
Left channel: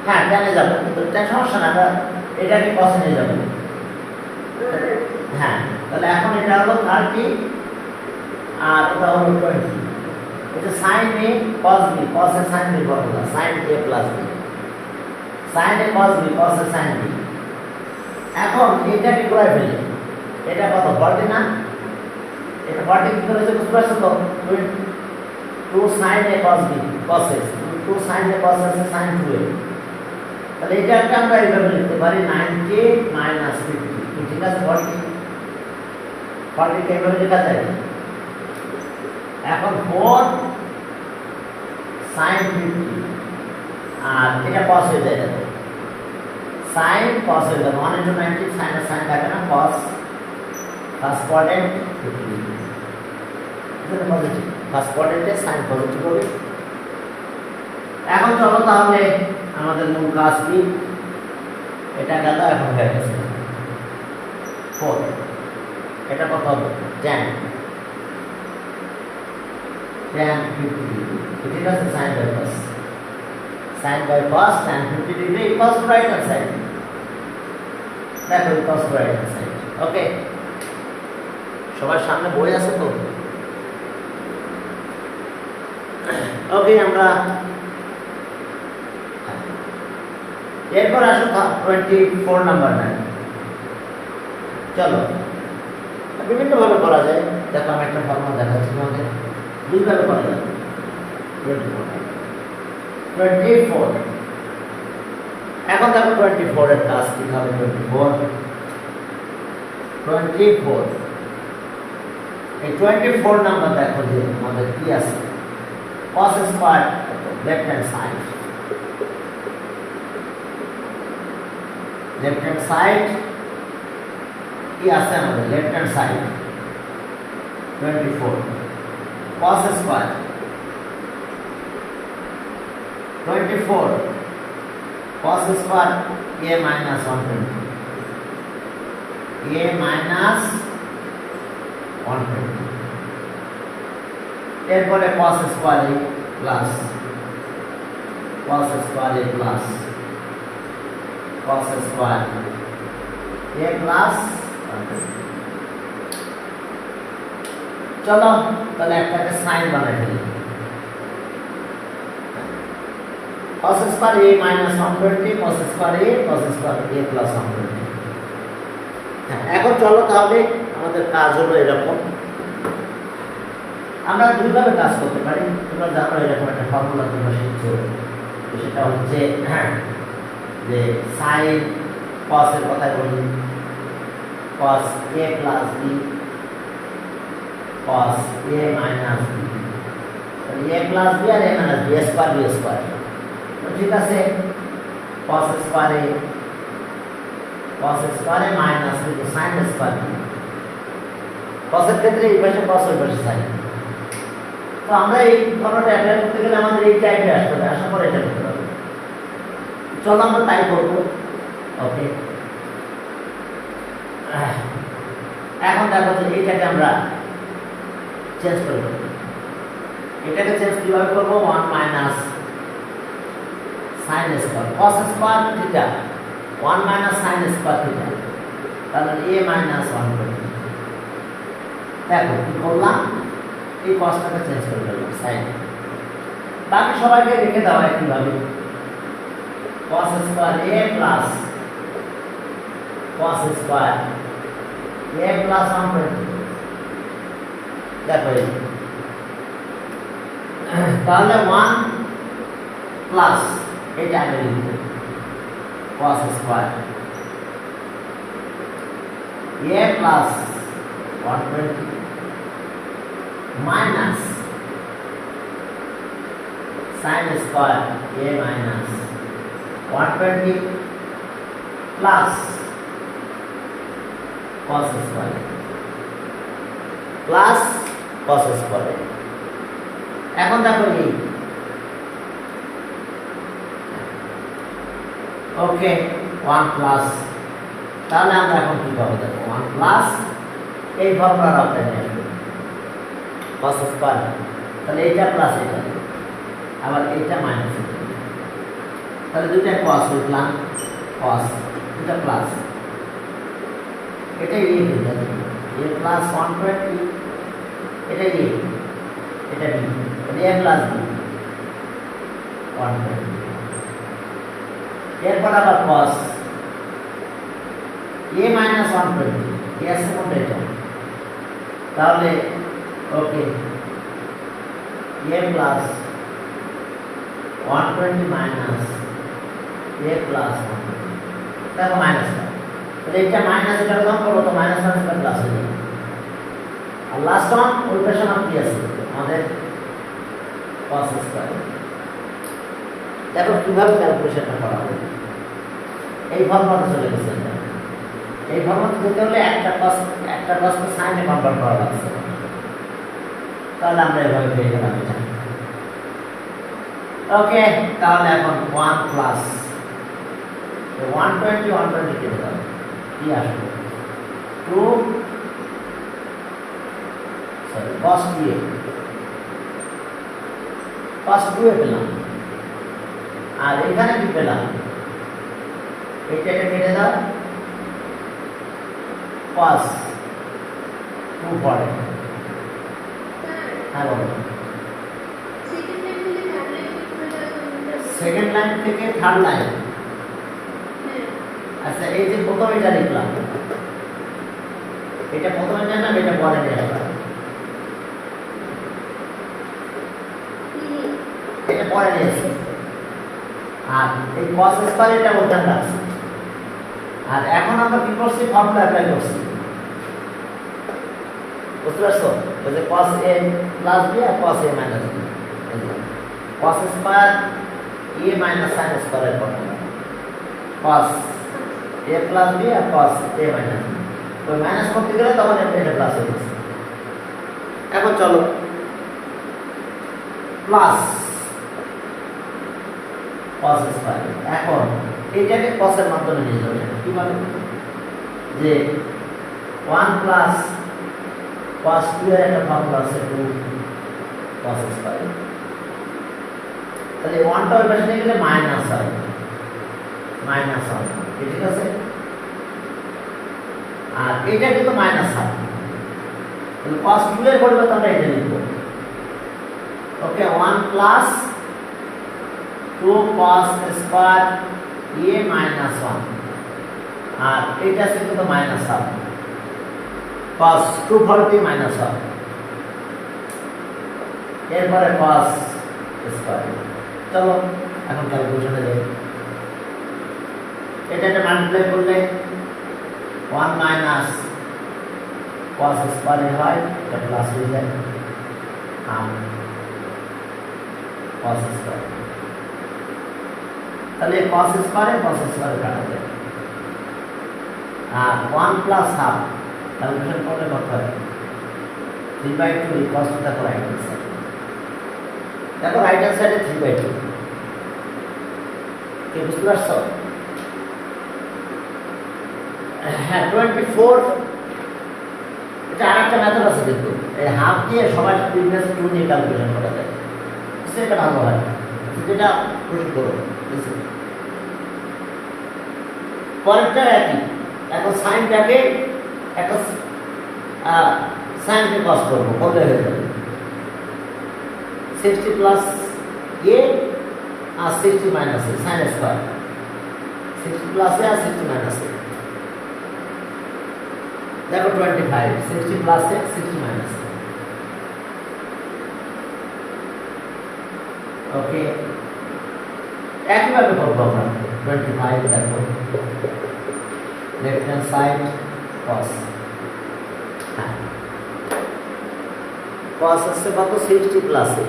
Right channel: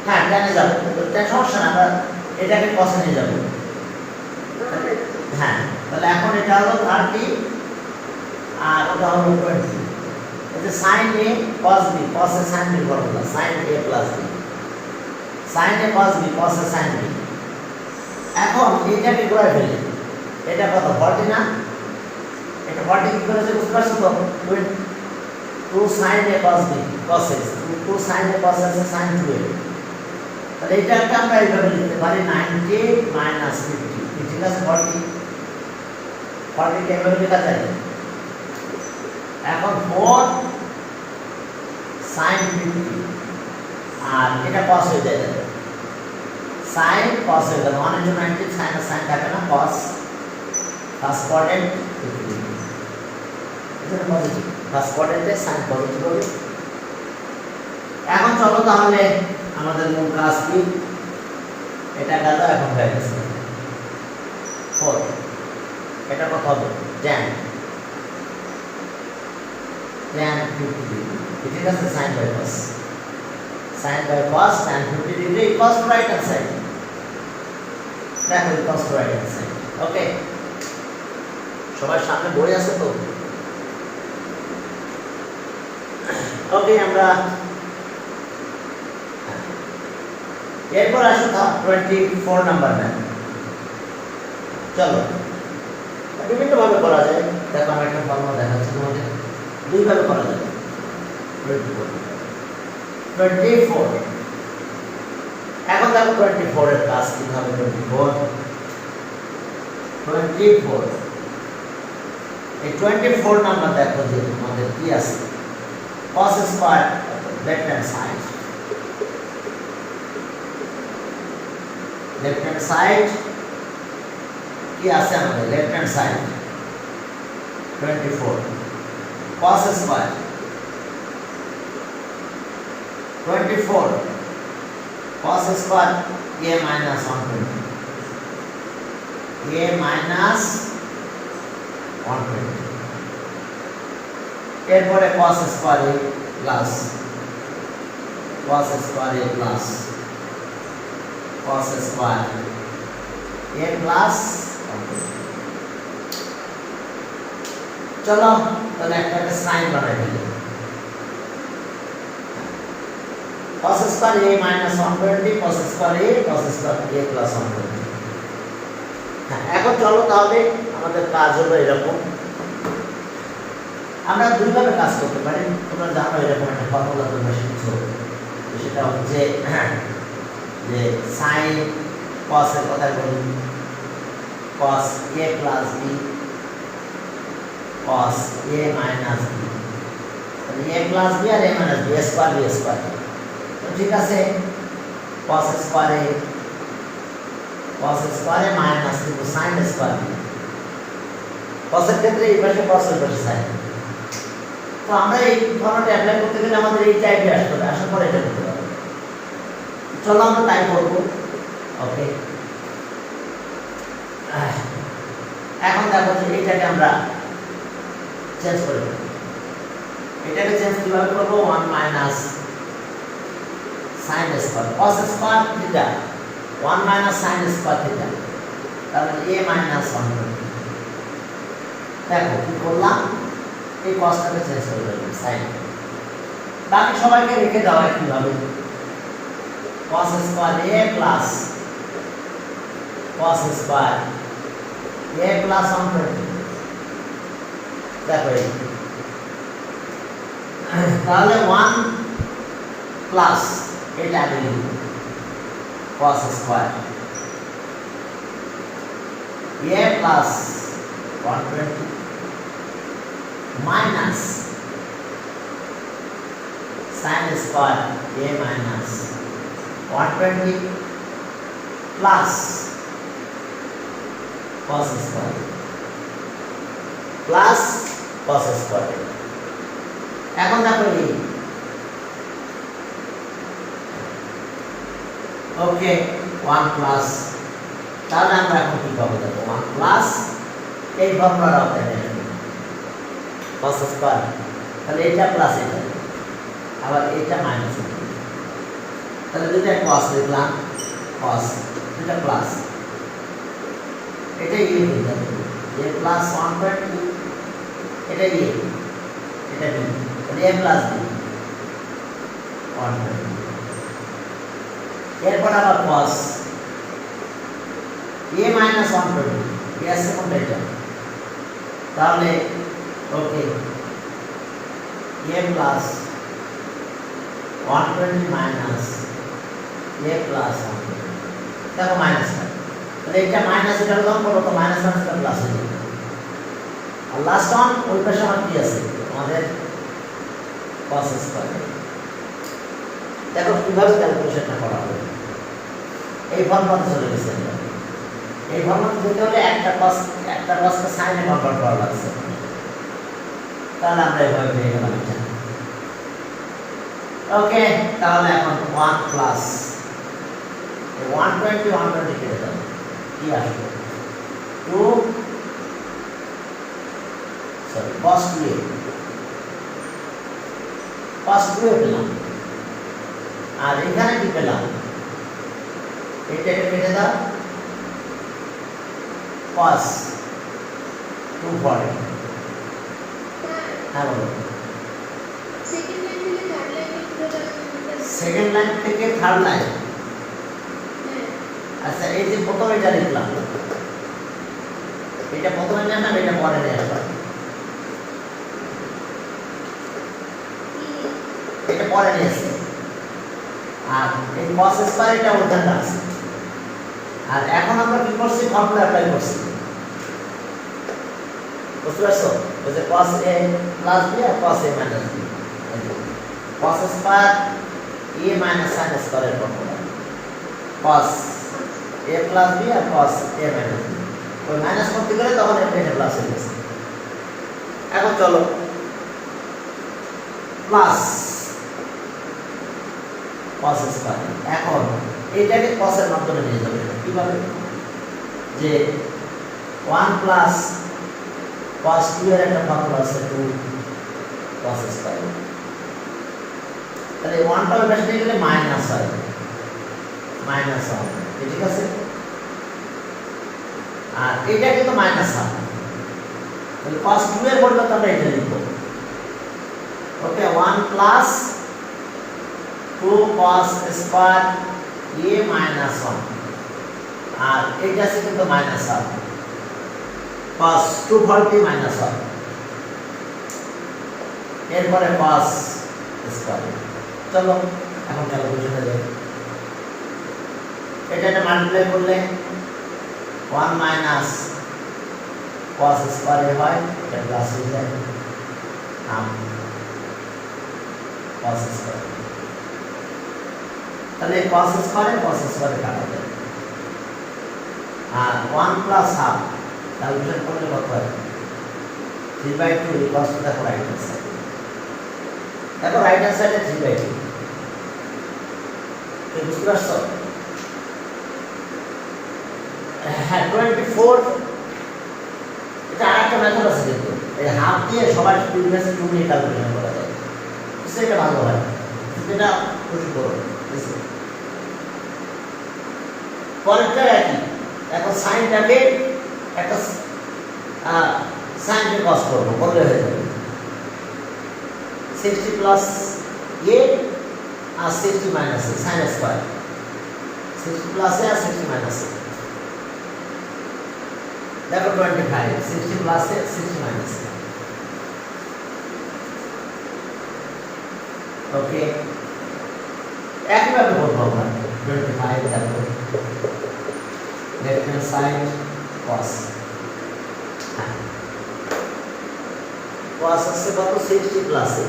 হ্যাঁ টেনে যাবো, সমস্যা না, আমরা এটাকে cos নিয়ে যাবো। হ্যাঁ, তাহলে এখন এটা হলো 30 আর ওটা হলো 20। এটা sin a cos b, cos a sin b formula, sin a plus b, sin a cos b, cos a sin b। এখন এটাকে ঘুরাই ফেলে, এটা কত 40 না, এটা 40 কি করে বুঝতে পারছো তো, 2 sin a cos b cos a, 2 sin a cos a sin 2a। তাহলে এটাকে আমরা এইভাবে লিখতে পারি 90 minus 50, ঠিক আছে। 40 কে এইভাবে লেখা যায়। এখন 4 sin 50 আর এটা cos হয়ে যায়, sin cos হয়ে গেল 1 into 90, sin আর sin থাকে না, cos ফার্স্ট কোয়াড্রেন্ট 50, এটা পজিটিভ, ফার্স্ট কোয়াড্রেন্টে sin পজিটিভ হবে। এখন চলো তাহলে আমাদের মূল কাজ কি, এটা গেল, এখন হয়ে গেছে 4, এটা কত হবে tan, tan 50 degree. ঠিক আছে, sin by cos. Sin by cos tan 50 degree equals to right hand side. দেখো equals to right hand side. ওকে, সবার সামনে বই আছে তো? ওকে, আমরা এরপর আসো 24 নাম্বার ম্যাথ। চলো, বিভিন্নভাবে করা যায়। দেখো আমি একটা ফর্মুলা দেখাচ্ছি তোমাদের, দুইভাবে করা যায়। 24 এখন দেখো 24 এর কাজ কি হবে। 24 এই 24 নাম্বার দেখো যে আমাদের কি আছে, cos square left hand side, left hand side কি আছে আমাদের, left hand side 24 cos square 24 cos square a minus 120 a minus 120 এরপরে cos square a plus cos square a plus cos square a plus 120। চলো তাহলে একটা sign বানাই ফেলি। cos square a minus 120 cos square a plus 120। হ্যাঁ, এখন চলো তাহলে আমাদের কাজ হবে এরকম, আমরা দুইভাবে কাজ করতে পারি। তোমরা জানো এরকম একটা ফর্মুলা তোমরা শিখছো, সেটা হচ্ছে যে সাইন cos এর কথা বলি, cos a plus b cos a minus b, a plus b আর a minus b স্কয়ার তো ঠিক আছে। cos স্কয়ার a মাইনাস কিন্তু sin স্কয়ার b, cos এর ক্ষেত্রে এই পাশে cos ওই পাশে sin। তো আমরা এই ফর্মুলাটা অ্যাপ্লাই করতে গেলে আমাদের এই টাইপে আসতে হবে, আসার পরে এটা করতে হবে। চলো আমরা তাই করবো। ওকে, এখন দেখো যে এইটাকে আমরা চেঞ্জ করে দেব। এটাকে চেঞ্জ কিভাবে করবো, 1 minus sin square cos square theta 1 minus sin square theta, তাহলে a মাইনাস 120। দেখো কি করলাম, এই cosটাকে চেঞ্জ করে দিলাম sin। বাকি সবাইকে রেখে দাও একইভাবে, cos square a plus cos square a plus 120। দেখো এই তাহলে 1 প্লাস এটা আগে লিখব cos square a plus 120 minus sin square a minus 120 plus cos square plus cos square. এখন দেখো এই ওকে 1 প্লাস, তাহলে আমরা এখন কি পাবো দেখো 1 প্লাস এই ফর্মুলার আওতায় নিয়ে আসবো cos স্কয়ার, তাহলে এটা প্লাস এটা আবার এটা মাইনাস, তাহলে দুইটা cos লিখলাম cos, এটা প্লাস এটা a হয়ে যাবে a প্লাস 120, এটা a এটা b, এটা a প্লাস b 120। এরপর আবার cos a মাইনাস 120 এর সেকেন্ড এটা, তাহলে ওকে a plus 120 minus a plus 120। দেখো মাইনাসটা, তাহলে এটা মাইনাস এটা লং করবো তো মাইনাস মাইনাসটা প্লাস হয়ে যাবে। আর লাস্ট ওয়ান ওই পাশে আমার কি আছে আমাদের cos স্কয়ার। দেখো কিভাবে ক্যালকুলেশনটা করা হবে, এই ফর্মুলাতে চলে গেছে। এই ফর্মুলাতে যেতে হলে একটা cosকে sin এ কনভার্ট করা লাগছে, তাহলে আমরা এভাবে পেয়ে গেলাম এটা। ওকে, তাহলে এখন 1 প্লাস 120 কেটে দাও, কি আসবে 2 cos 2a cos 2 পেলাম, আর এখানে কি পেলাম, এটাকে কেটে দাও, cos 2 পরে। হ্যাঁ বলো। সেকেন্ড লাইন থেকে থার্ড লাইন। আচ্ছা, এই যে প্রথম এটা লিখলাম, এটা প্রথমে জানলাম, এটা পরে নিয়ে আসলাম, এটা পরে নিয়েছে। আর এই cos স্কয়ার এটা ওখানে আছে। আর এখন আমরা কি করছি, ফর্মুলা অ্যাপ্লাই করছি, বুঝতে পারছো? ওই যে cos a প্লাস b আর cos a minus b, cos square a minus sin square এর formula, cos a plus b আর cos a মাইনাস b। তো মাইনাস করতে গেলে তখন এটা প্লাস হয়ে যাচ্ছে। এখন চলো প্লাস cos স্কয়ার, এখন এটাকে cos এর মাধ্যমে নিয়ে যাবে কিভাবে, যে 1 প্লাস cos 2 এর একটা ফর্মুলা আছে 2 cos স্কয়ার, তাহলে 1 টা ওই পাশে নিয়ে গেলে মাইনাস হয়, মাইনাস হয়, ঠিক আছে? আর এটা কিন্তু মাইনাস হয়, তাহলে cos 2 এর পরিবর্তে আমরা এটা লিখব, ওকে, 1 plus 2 cos square a minus 1, আর এটা আছে কিন্তু মাইনাস হবে, cos 2 40 মাইনাস হবে, এরপরে cos স্কয়ার। চলো এখন ক্যালকুলেশনে যাই। এটা মাল্টিপ্লাই করলে 1 মাইনাস cos স্কয়ার হয়, এটা প্লাস হয়ে যায়, cos স্কয়ার, তাহলে cos স্কয়ারে কাটা যায়। আর 1 প্লাস হাফ ক্যালকুলেশন করলে কত হয়, 3/2 ইকুয়ালস টু দেখো রাইট হ্যান্ড সাইড, দেখো রাইট হ্যান্ড সাইডে 3/2, কি বুঝতে পারছো? হ্যাঁ 24, এটা আরেকটা মেথড আছে কিন্তু, এই হাফ দিয়ে সবার প্রিভিয়াস 2 নিয়ে ক্যালকুলেশন করা যায়, সেটা ভালো হয়, যেটা প্রশ্ন করো। পরেরটা একই, এখন সাইনটাকে একটা সাইনকে কস করব, করলে হয়ে যাবে 60 প্লাস a আর 60 minus a, sine square 60 plus a আর 60 মাইনাস a, দেখো 25, 60 plus a 60 minus a, okay, একইভাবে করবো আমরা 25, দেখো left hand side cos, cos আসছে কত, 60 প্লাস a,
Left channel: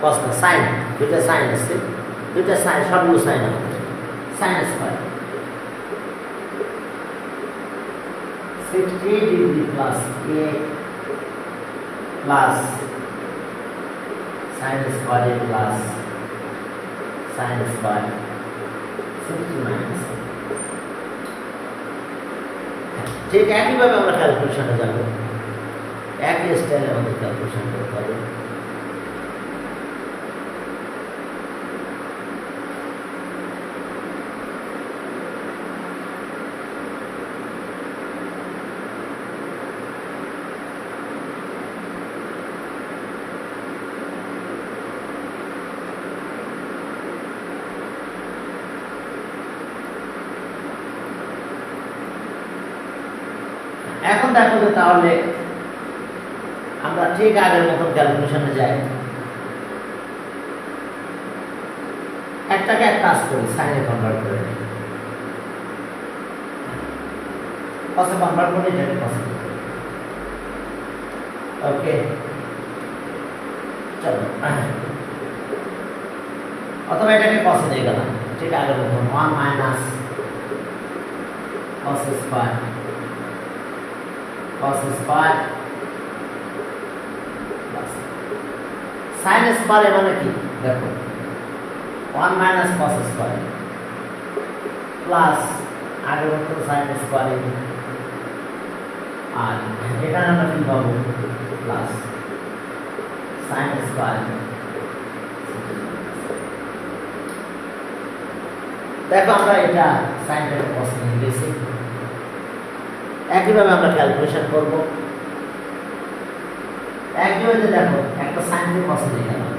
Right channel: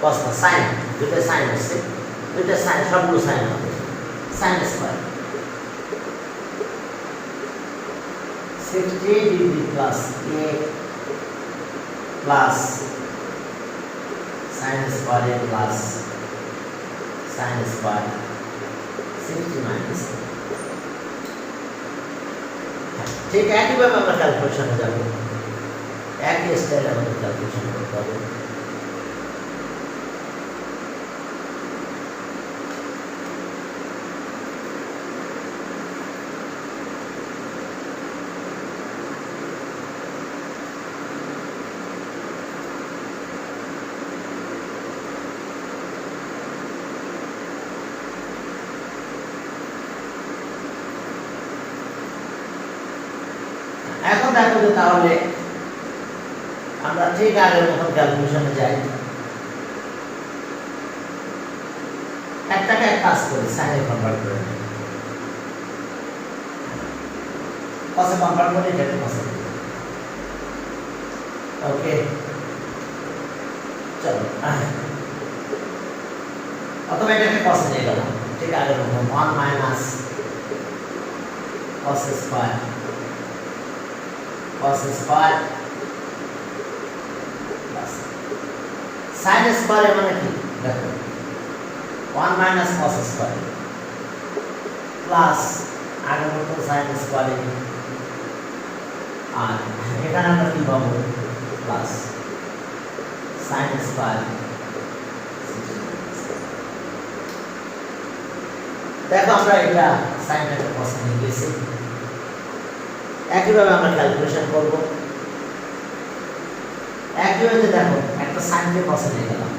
cos না sin, দুটো sin আছে, দুটো sin, সবগুলো sin হবে, sin square 60 degree plus a plus sin square a plus sin square 60 minus a। ঠিক একইভাবে আমরা ক্যালকুলেশনে যাব, একই স্টাইলে আমাদের ক্যালকুলেশন করতে হবে। এখন দেখো যে তাহলে আমরা ঠিক আগের মতন ক্যালকুলেশনে যাই, একটাকে এক কাজ করি, সাইনে কনভার্ট করে নিই, কসে কনভার্ট করে এটাকে কসে, ওকে। চলো অথবা এটাকে কসে নিয়ে গেলাম, ঠিক আগের মতন 1 minus cos square plus sin square মানে কি, দেখো 1 মাইনাস cos স্কয়ার প্লাস আগের মতো sin স্কয়ার, আর এখানে আমরা কি পাবো, প্লাস সাইন স্কয়ার। দেখো আমরা এটা সাইনটাকে কস নিয়ে গেছি। একইভাবে আমরা ক্যালকুলেশন করব। একইভাবে দেখো একটা সাইনকে কস নিয়ে গেলাম,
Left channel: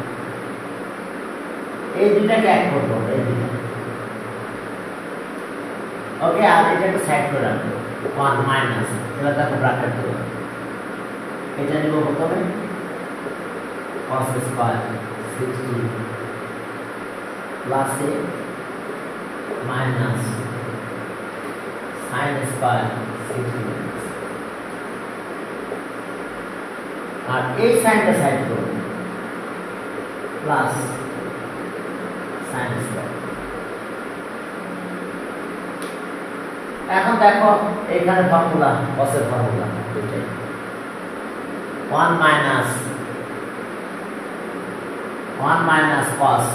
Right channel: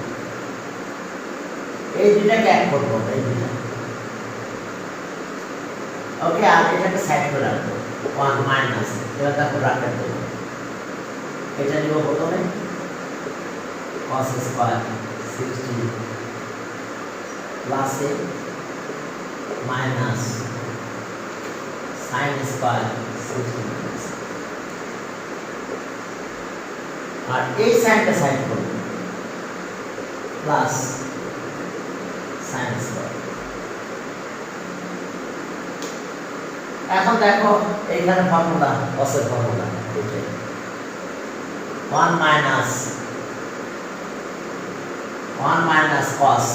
এই দুইটাকে এক করবো আমরা, এই দুইটা। ওকে, আর এটাকে সাইড করে রাখবো, 1 মাইনাস, এবার দেখো ব্র্যাকেট দেবো, এটা নিব প্রথমে cos স্কয়ার 60 প্লাস এ মাইনাস sin স্কয়ার 60 আর এই সাইনটা সাইড করব প্লাস sin স্কয়ার। এখন দেখো এইখানে ফর্মুলা, cos এর ফর্মুলা 1 মাইনাস cos,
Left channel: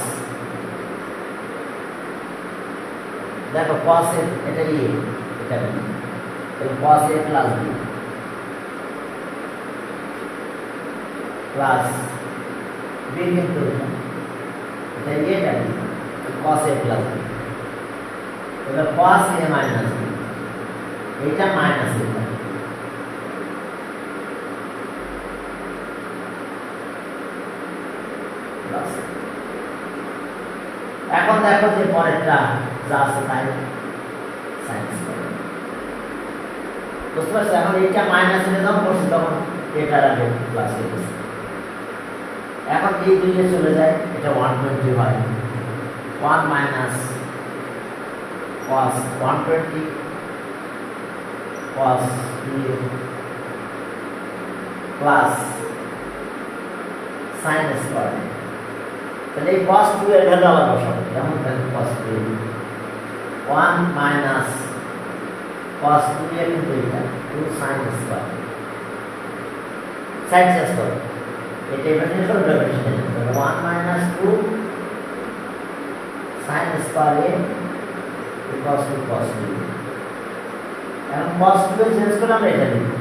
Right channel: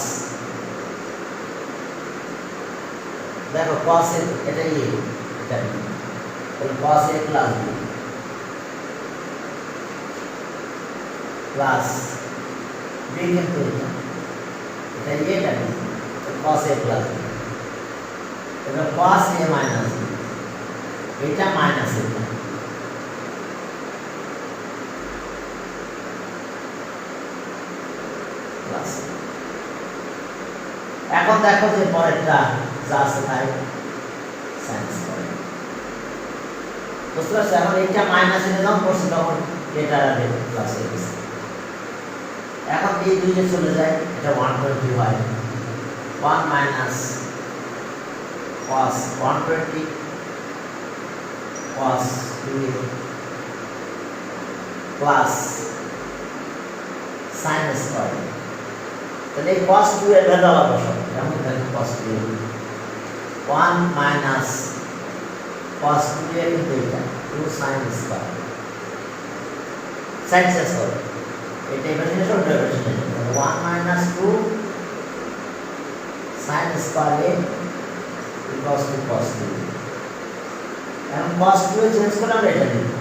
দেখো cos এর এটা এটা এই cos এ প্লাস b প্লাস b কিন্তু এটা এটা cos a প্লাস b, এটা cos a মাইনাস b, এটা মাইনাস এটা প্লাস। এখন দেখো যে পরেরটা যা আছে তাই sin স্কয়ার, বুঝতে পারছো? এখন এইটা মাইনাস এনে যখন করছি তখন এটার আগে প্লাস হয়ে গেছে। এখন এই দুইয়ে চলে যায়, এটা 120 হয়, 1 minus cos 120 cos 2 plus sin square. তাহলে এই cos 2 এর ভ্যালু আবার বসাবো, যেমন দেখো cos 2 1 মাইনাস cos 2 এর কিন্তু এটা 2 sin স্কয়ার, sin স্কয়ার এটা এবার নিয়ে সরবে, 1 মাইনাস 2 sin স্কয়ার এ cos 2 cos 2, এখন cos 2 এ চেঞ্জ করলে আমরা এটা লিখব,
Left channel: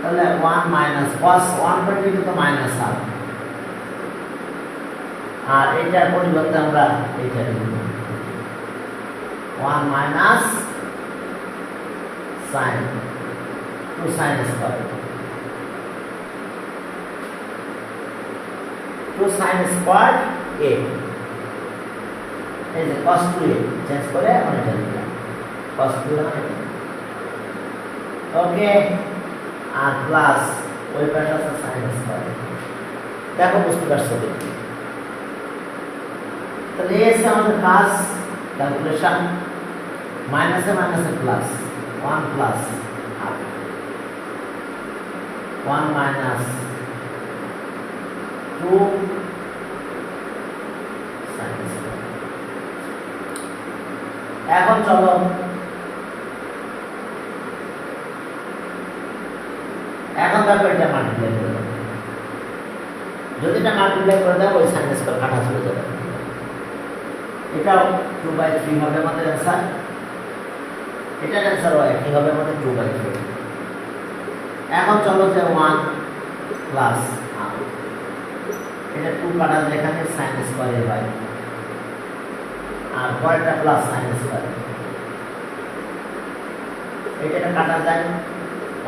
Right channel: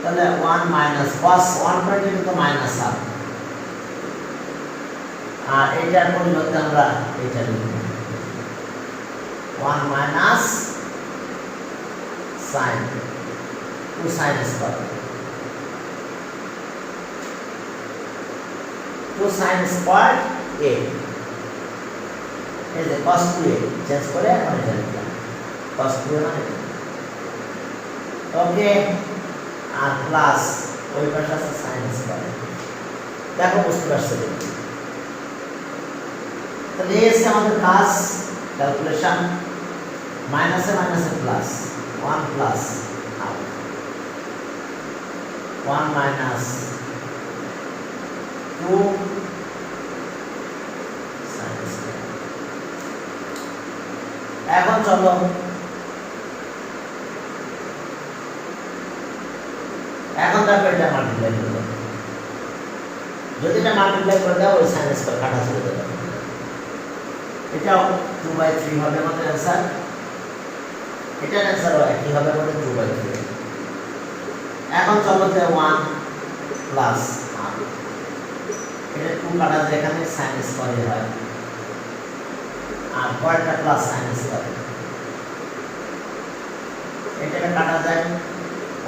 তাহলে 1 মাইনাস cos 120 কিন্তু মাইনাস হবে, আর এইটার পরিবর্তে আমরা এইটা লিখব 1 minus sin 2 sin square, 2 sin square a, এই যে cos 2a চেঞ্জ করে এখন এটা লিখলাম cos 2a মানে ওকে, আর প্লাস ওই পাশে আছে sin স্কয়ার। দেখো বুঝতে পারছো কি? তাহলে এই হচ্ছে আমাদের কাজ, ক্যালকুলেশন। মাইনাসে মাইনাসে plus, 1 plus 1 minus 2 sin square. এখন চলো এখন দেখো এটা মাল্টিপ্লাই করে দাও, যদি এটা মাল্টিপ্লাই করে দাও ওই sin স্কয়ার কাটা চলে যাবে, এটাও 2/3 হবে আমাদের অ্যান্সার, এটার অ্যান্সার হয় কি হবে আমাদের 2/3। এখন চলো যে 1 প্লাস এটা 2 কাটা যায়, এখানে sin স্কয়ার হয়, আর পরেরটা প্লাস sin স্কয়ার, এটা কাটা যায়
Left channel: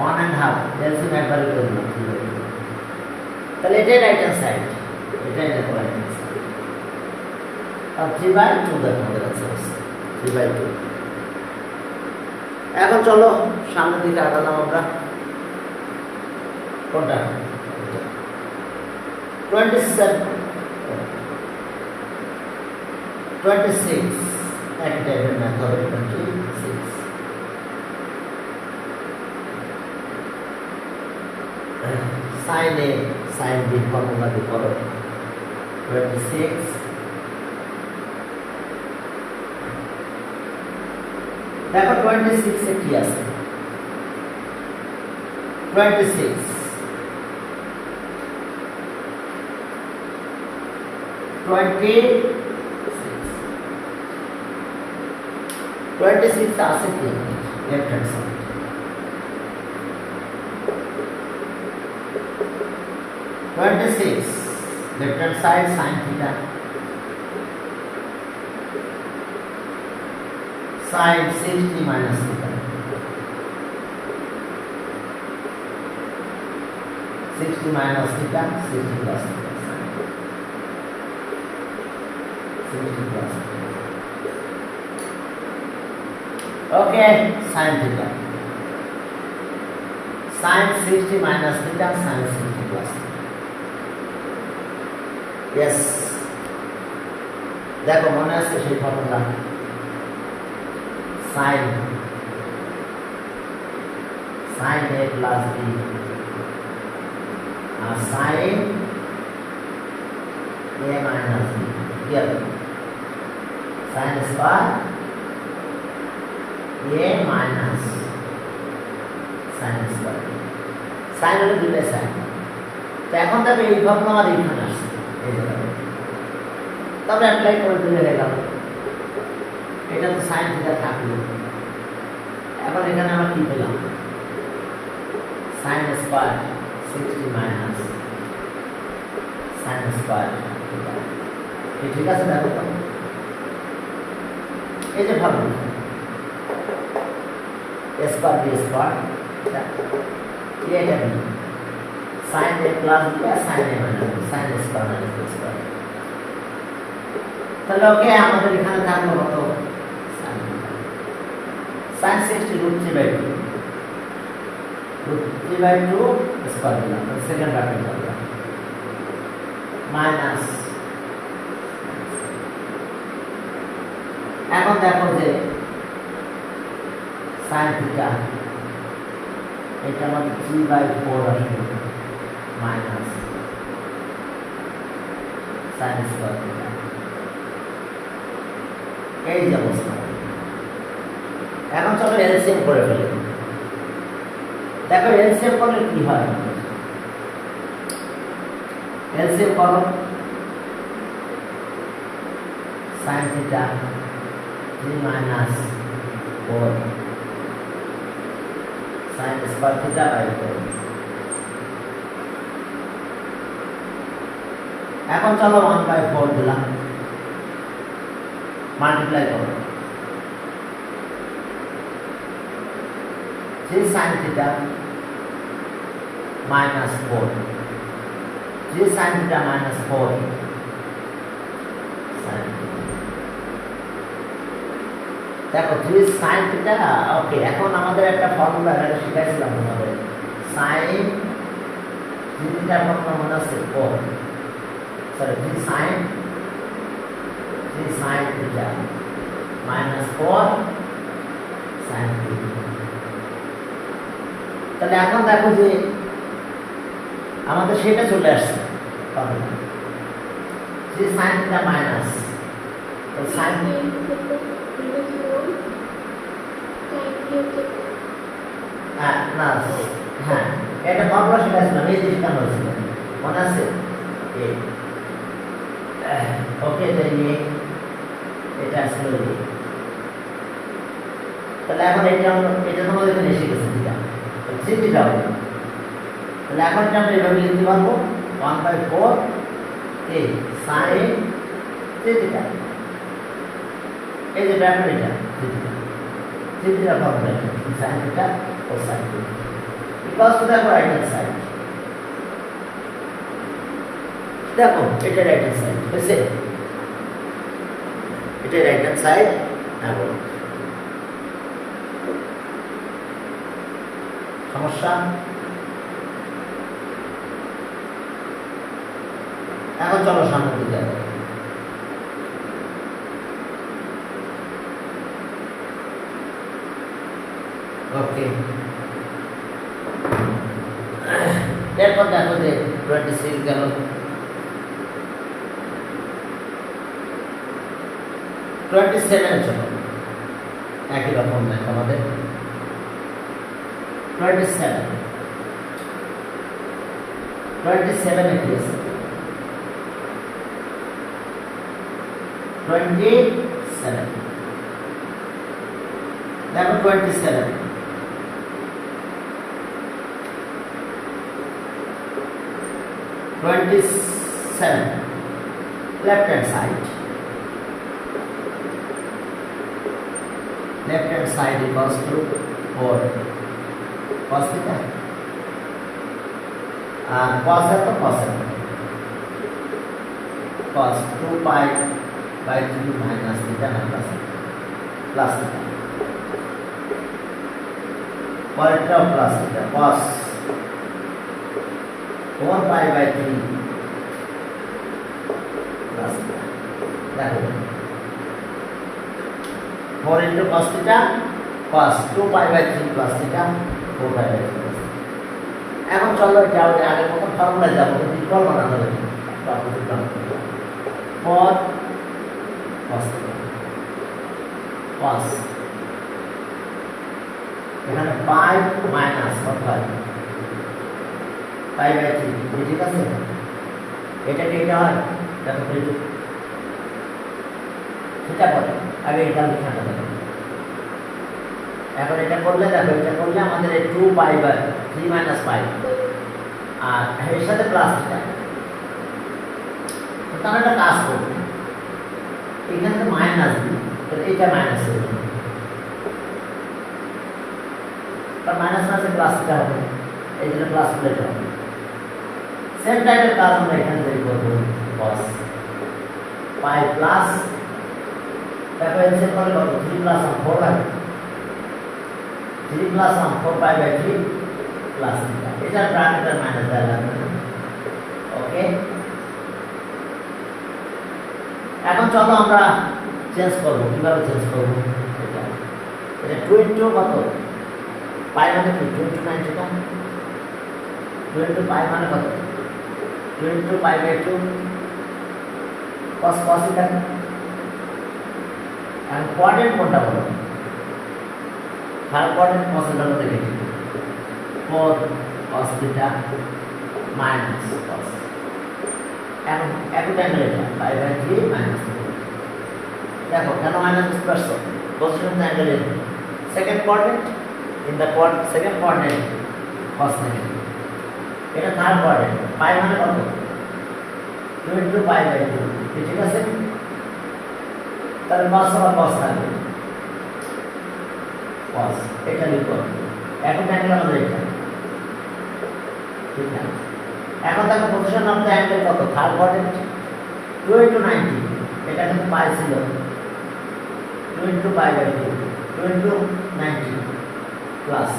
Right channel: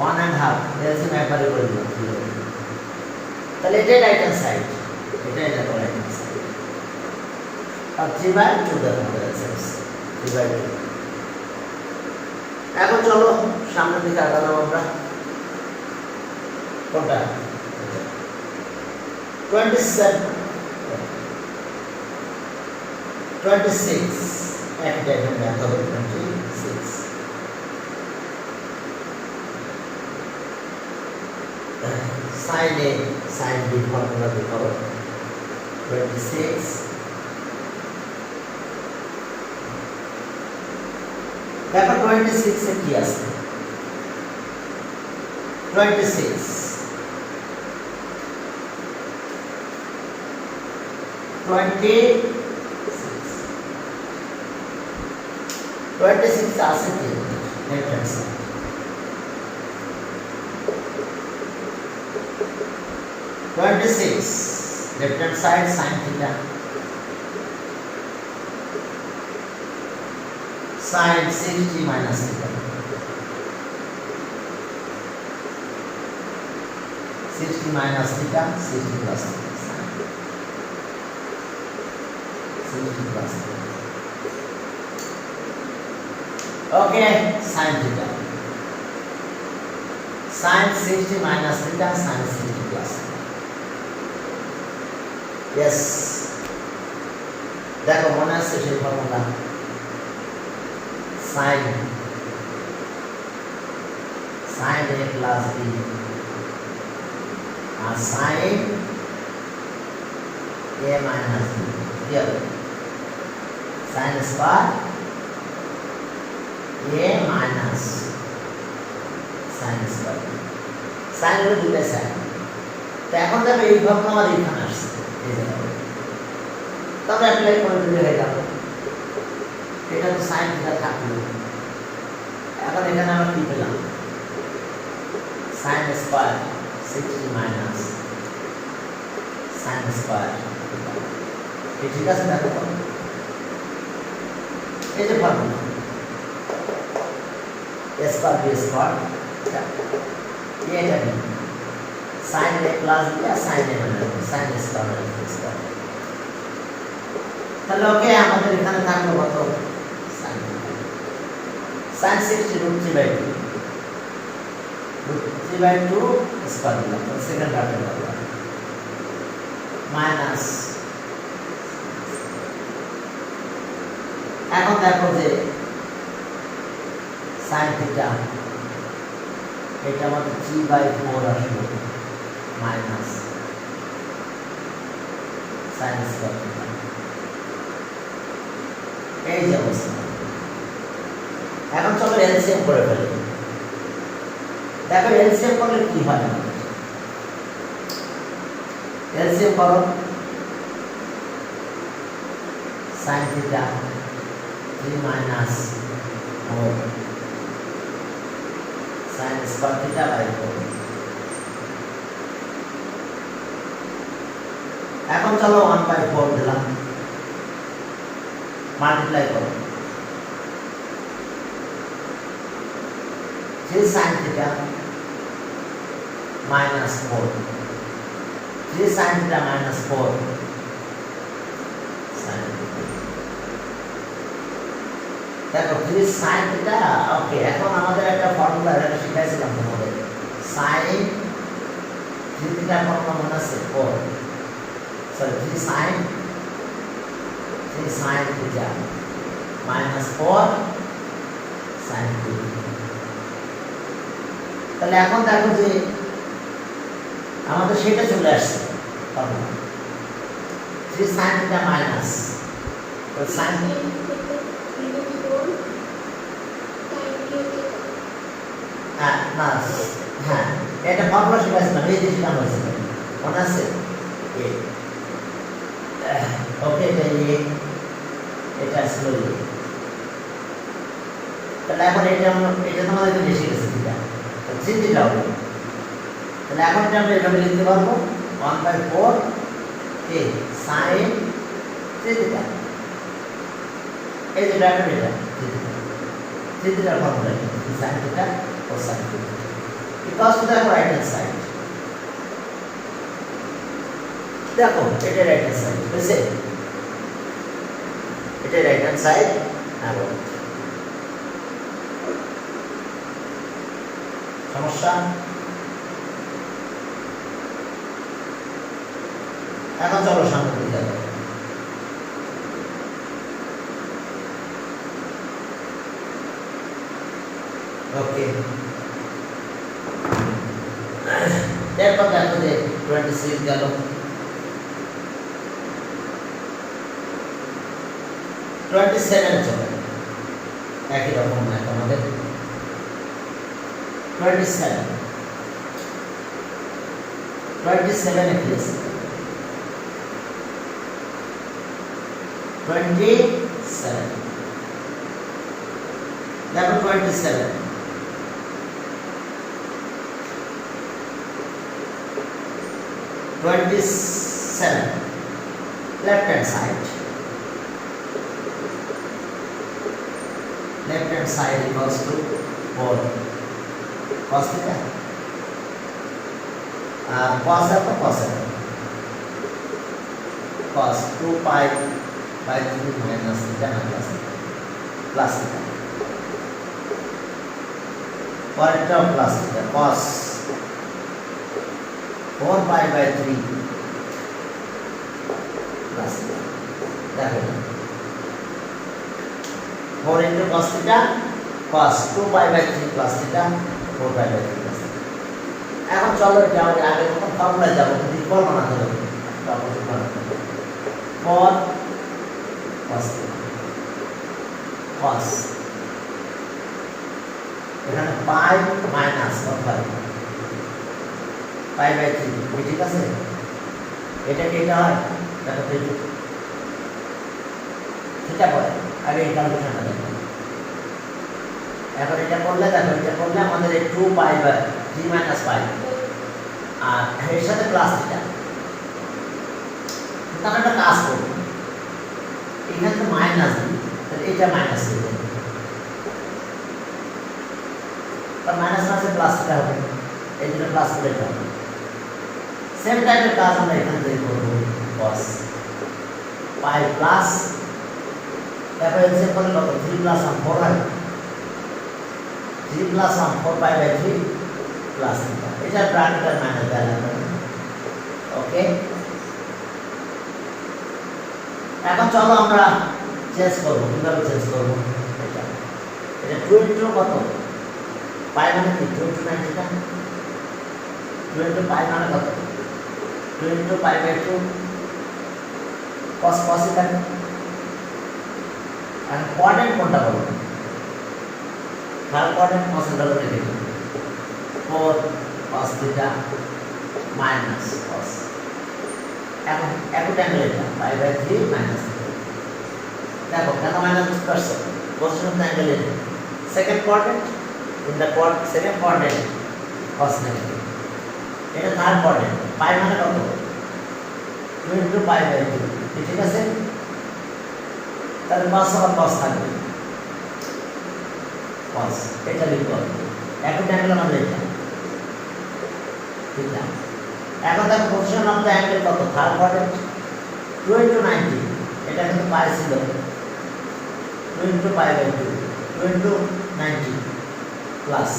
1.5, এলসিএম একবারে করে দিলাম, তাহলে এটাই রাইট হ্যান্ড সাইড, এটাই দেখো রাইট হ্যান্ড সাইড, আর 3/2 দেখো আমাদের অ্যান্সার 3/2। এখন চলো সামনের দিকে আগাবো আমরা, কোনটা 26 এক টাইপের ম্যাথ হবে 26। sin a sin b formula দিয়ে করো 26, দেখো 26 এ কি আছে, 26 আছে কি left hand side, 26 left hand side sin theta sin 60 minus theta 60 minus theta 60 plus theta 60 plus theta. Okay, sin theta sin 60 minus theta sin 60 plus theta. Yes, দেখো মনে আছে সেই formula sin a plus b আর sin a minus b কি হবে sin square a minus sin square sin হলো দুটো sin তো এখন দেখো এই ফর্মুলা আমার এখানে আসছে এই জায়গায় তবে অ্যাপ্লাই করে দিলে হয়ে গেল এটা তো sin থিটা থাকলো এখন এখানে আমরা কি পেলাম sin square 60 minus sin square theta ঠিক আছে দেখো তো এই যে formula a square b square এটা b sin a plus b sin a minus b sin a square minus b square তাহলে ওকে আমাদের এখানে থাকলো কত sin 60 root 3 by 2 root 3 by 2 square দিলাম সেকেন্ড ব্র্যাকেট দিলাম মাইনাস এখন দেখো যে sin থিটা এটা আমাদের 3 by 4 আসবে মাইনাস sin স্কয়ার থিটা এই যে অবস্থা এখন চলো এলসিএম করে ফেলি দেখো এলসিএম করলে কি হয় এলসিএম করো sin theta 3 minus 4 sin square theta by 4 এখন চলো 1 by 4 দিলাম মাল্টিপ্লাই করো 3 sin theta minus 4 3 sin theta minus 4 sin theta দেখো 3 sin theta ওকে এখন আমাদের একটা ফর্মুলা এটা শিখাইছিলাম তোমাদের sin 3 theta ফর্মুলা মনে আছে 4 sorry 3 sin theta minus 4 sin theta তাহলে এখন দেখো যে আমাদের সেটা চলে আসছে ফর্মুলা 3 sin theta minus তো sin না হ্যাঁ এটা ফর্মুলা শিখাইছিলাম এই যে শেখানো হয়েছিল মনে আছে ওকে এটা ছিল তাহলে এখন এটা তোমাদের এখানে এসে গেছে থিটা থ্রি থিটা হবে তাহলে এখন এটা আমরা এভাবে লিখতে পারবো 1/4 sin 3 থিটা এই যে ব্র্যাকেট এটা three theta formula sin theta ও sin theta equals to the right hand side দেখো এটা রাইট হ্যান্ড সাইড বুঝছে এটা রাইট হ্যান্ড সাইড আর সমস্যা এখন চলো সামনে দিকে যাবো ওকে এরপর দেখো যে 26 গেল 27 চলো একই রকম ম্যাথ আমাদের 27 এ কি আছে 27 দেখো 27 27 27 left hand side equals to 4 cos theta cos है तो cos है cos 2 pi by 3 minus theta plus theta per term plus theta cos 4 pi by 3 plus theta that is 4 into cos theta cos 2 pi by 3 plus theta 4 pi by 3 plus theta এখন চলো যাও আগের মতো formula যাব কিন্তু equal বানাতে হবে তারপর সেটা 4 cos theta cos এখানে pi মাইনাস কত হয় pi by 3 ঠিক আছে এটা কি এটা হয় দেখো থিটা পড়ে আগে এটা লিখা দেখো এখন এটা করলে দেখো এটা করলে আমাদের 2 pi by 3 minus pi আর এর সাথে প্লাস থিটা তো আমরা একটা কাজ করব এখানে তো মাইনাস দিই তাহলে এটা মাইনাস হবে তার মাইনাস আছে প্লাস থিটা হবে এই জন্য প্লাস থিটা হবে সেম টাইপের কাজ আমরা এখানে থেকে করব cos pi প্লাস তারপর এসে করলে কত 3 প্লাস 4 হয় 3 plus 4 pi by 3 plus theta এটা ব্র্যাকেটের মাইনাস দেওয়া লাগবে ওকে এখন চলো আমরা চেঞ্জ করব কিভাবে চেঞ্জ করব এটা 2 into কত pi মানে কি 2 into 9 থিটা 2 into pi মানে কত 2 into pi by 2 cos theta আর কোয়াড্রেন্ট কোনটা বলো থার্ড কোয়াড্রেন্ট cos theta বলে দিই 4 cos theta minus cos এখন একই টাইম এটা pi by 3 minus দেখো কেন মাইনাস বুঝতে পারছো position of the angle second quadrant in the second quadrant cos theta এটা থার্ড কোয়াড্রেন্ট pi মানে কত 2 into pi by 2 ঠিক আছে তাহলে cos আর cos থাকবে cos এটা লিখো এখন অ্যাঙ্গেল আমাদের এটা ঠিক না এখন দেখো পজিশন অফ দ্য অ্যাঙ্গেল কত থার্ড কোয়াড্রেন্ট 2 into 90 এটা কিন্তু পাই ছিল 2 into pi by 2 2 into 90 plus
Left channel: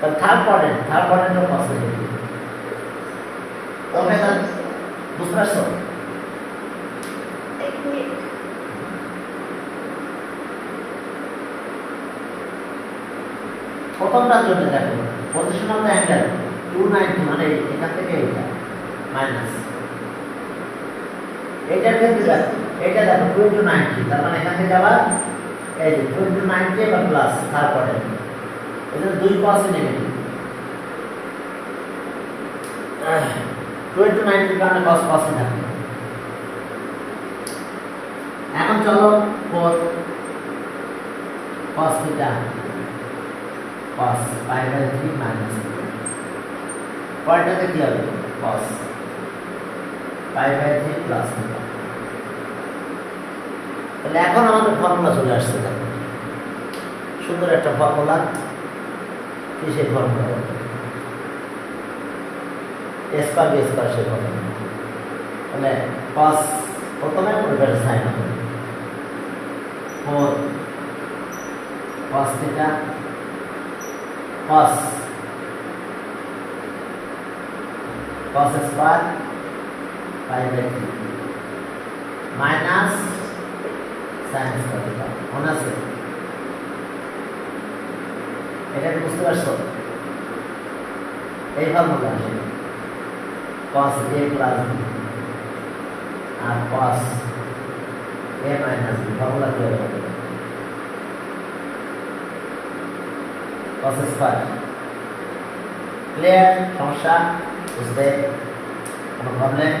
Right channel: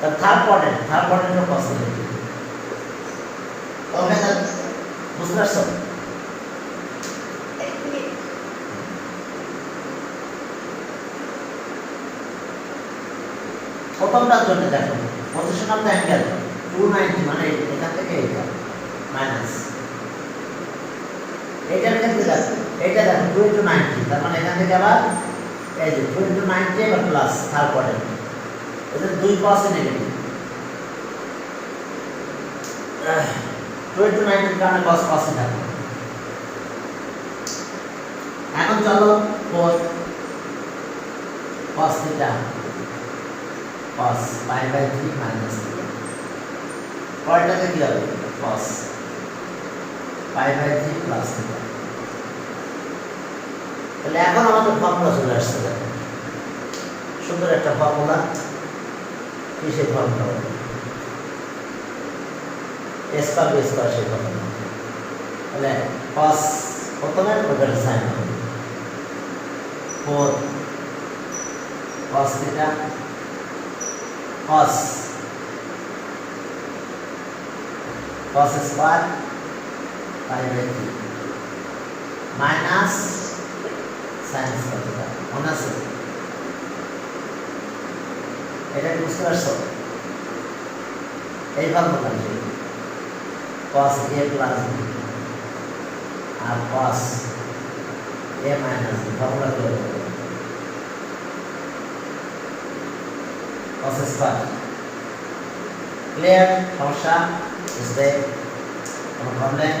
তাহলে থার্ড কোয়াড্রেন্টের cos লিখি ওকে তাহলে বুঝতে পারছো প্রথমটার জন্য দেখো পজিশন অফ দ্য অ্যাঙ্গেল 290 মানে এখান থেকে এটা মাইনাস এটার ক্ষেত্রে দেখো এটা দেখো 2 into 90 তার মানে এখান থেকে আবার এই যে 2 into 90 আবার প্লাস থার্ড কোয়াড্রেন্ট এখানে দুই cos নেগেটিভ 2 into 90 কারণে cos থাকে এখন চলো 4 cos theta cos pi by 3 minus theta পরেরটাতে কি হবে cos pi by 3 plus theta তাহলে এখন আমাদের ফর্মুলা চলে আসছে দেখো সুন্দর একটা ফর্মুলা কিসের formula a square b square সেই ফর্মুলা তাহলে cos প্রথমে প্রবের সাইন হবে 4 cos theta cos square pi by 3 minus sin square theta মনে আছে এটা বুঝতে পারছো এই formula cos a plus b আর cos a minus b formula কি হবে cos square clear সমস্যা বুঝতে কোনো প্রবলেম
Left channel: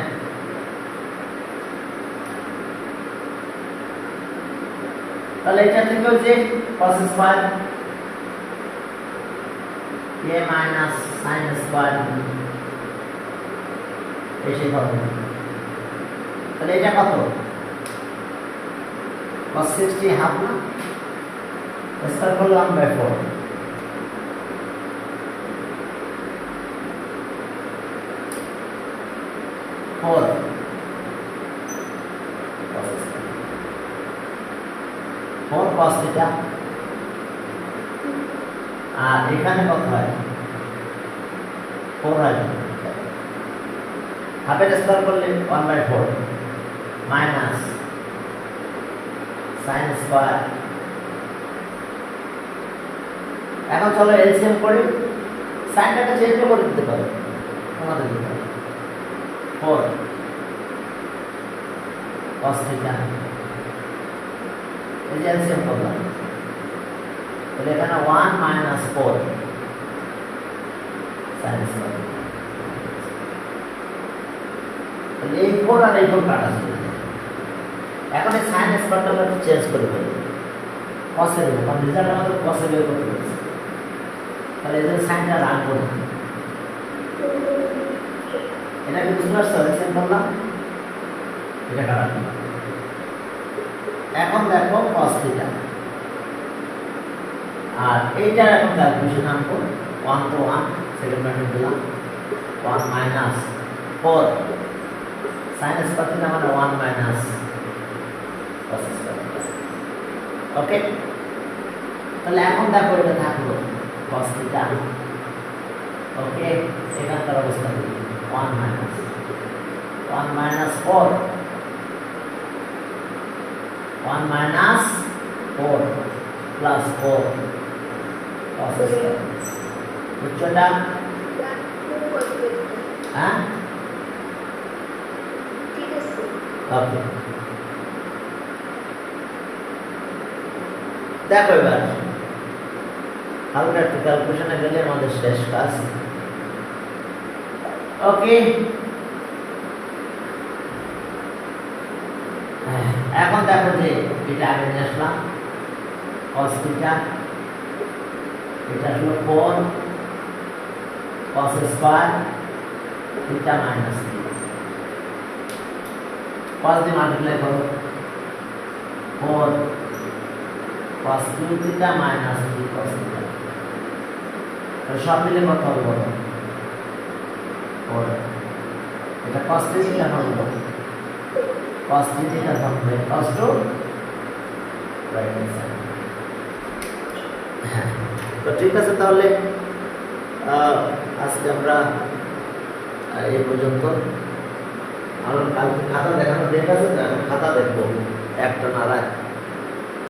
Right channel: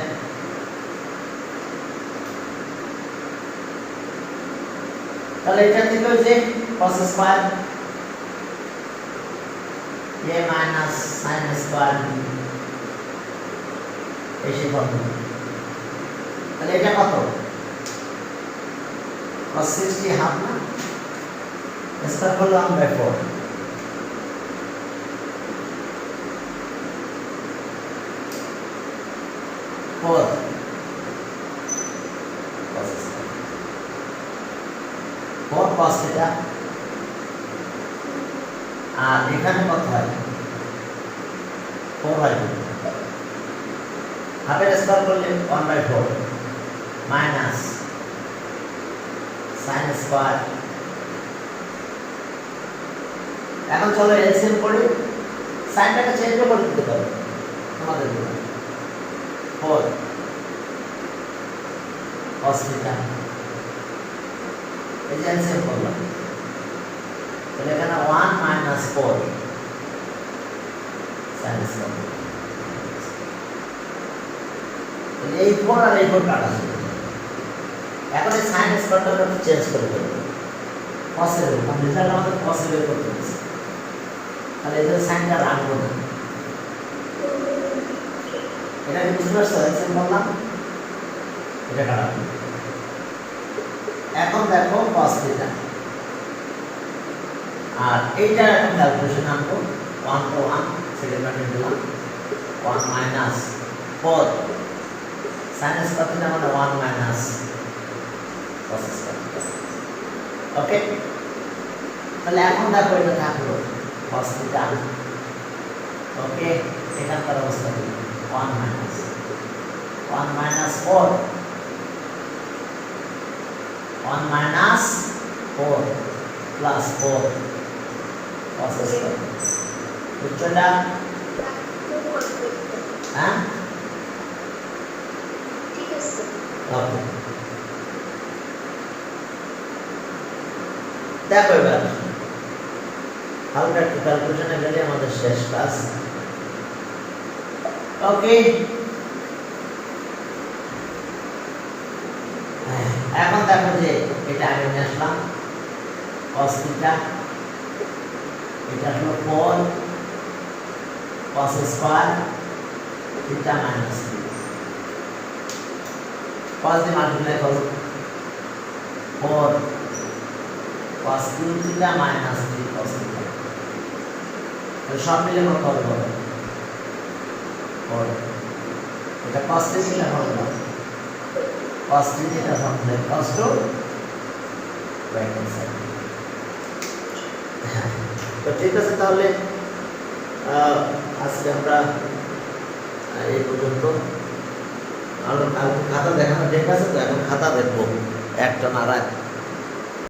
তাহলে এটা থেকে যে cos square a minus sine square B এসে হবে। তাহলে এটা কত? cos 60 হাফ না, স্কয়ার করলে 1/4 4 4 cos থিটা। আর এখানে কত হয়? 4 হয়। হাফের স্কয়ার করলে 1/4 মাইনাস সাইন স্কয়ার। এখন চলো এলসিএম করি, সাইনটাকে চেঞ্জ করে দিতে পারো তোমাদের দিকে। 4 cos থিটা, এই যে এলসিএম করলাম, তাহলে এখানে 1 মাইনাস 4 সাইন স্কয়ার। তাহলে এই 4 আর এই 4 কাটা যাবে। এখন এই সাইন স্কয়ারটা একটু চেঞ্জ করে দেব, cos এর উপর, কারণ রেজাল্ট আমাদের cos এর উপর আছে। তাহলে এই যে সাইনটা রাখবো না, এটা কি বুঝতে পারছো? এলসিএম করলাম, এটা কাটা। এখন দেখো cos থিটা, আর এইটার এখন ক্যালকুলেশন আনবো। 1 to 1 সেকেন্ড ব্র্যাকেট দিলাম, 1 মাইনাস 4 sin স্কয়ার থিটা মানে 1 মাইনাস cos স্কয়ার থিটা। ওকে, তাহলে এখন দেখো এটা থাকলো cos থিটা। ওকে, এখানকার অবস্থা দেখি 1 minus 4 1 minus 4 plus 4 cos square. বুঝছটা? হ্যাঁ, ঠিক আছে। ওকে, দেখো এবার হালকা একটু ক্যালকুলেশনে গেলে আমাদের শেষ কাজ। ওকে, এখন দেখো যে এটা আগে নিয়ে আসলাম cos থিটা, এটা হলো 4 cos square theta minus cos দিয়ে মাল্টিপ্লাই করো 4 cos 3 theta minus 3 cos theta. তাহলে সব মিলে কত হবে বলো? 4। এটা cos 3 থিটা হবে না, cos 3 থিটা হবে cos 2 রাইট হ্যান্ড সাইড। তো ঠিক আছে, তাহলে আজকে আমরা এই পর্যন্ত। আর কালকে খাতা দেখানো ডেট আছে তো, এখন খাতা দেখবো একটা না রাত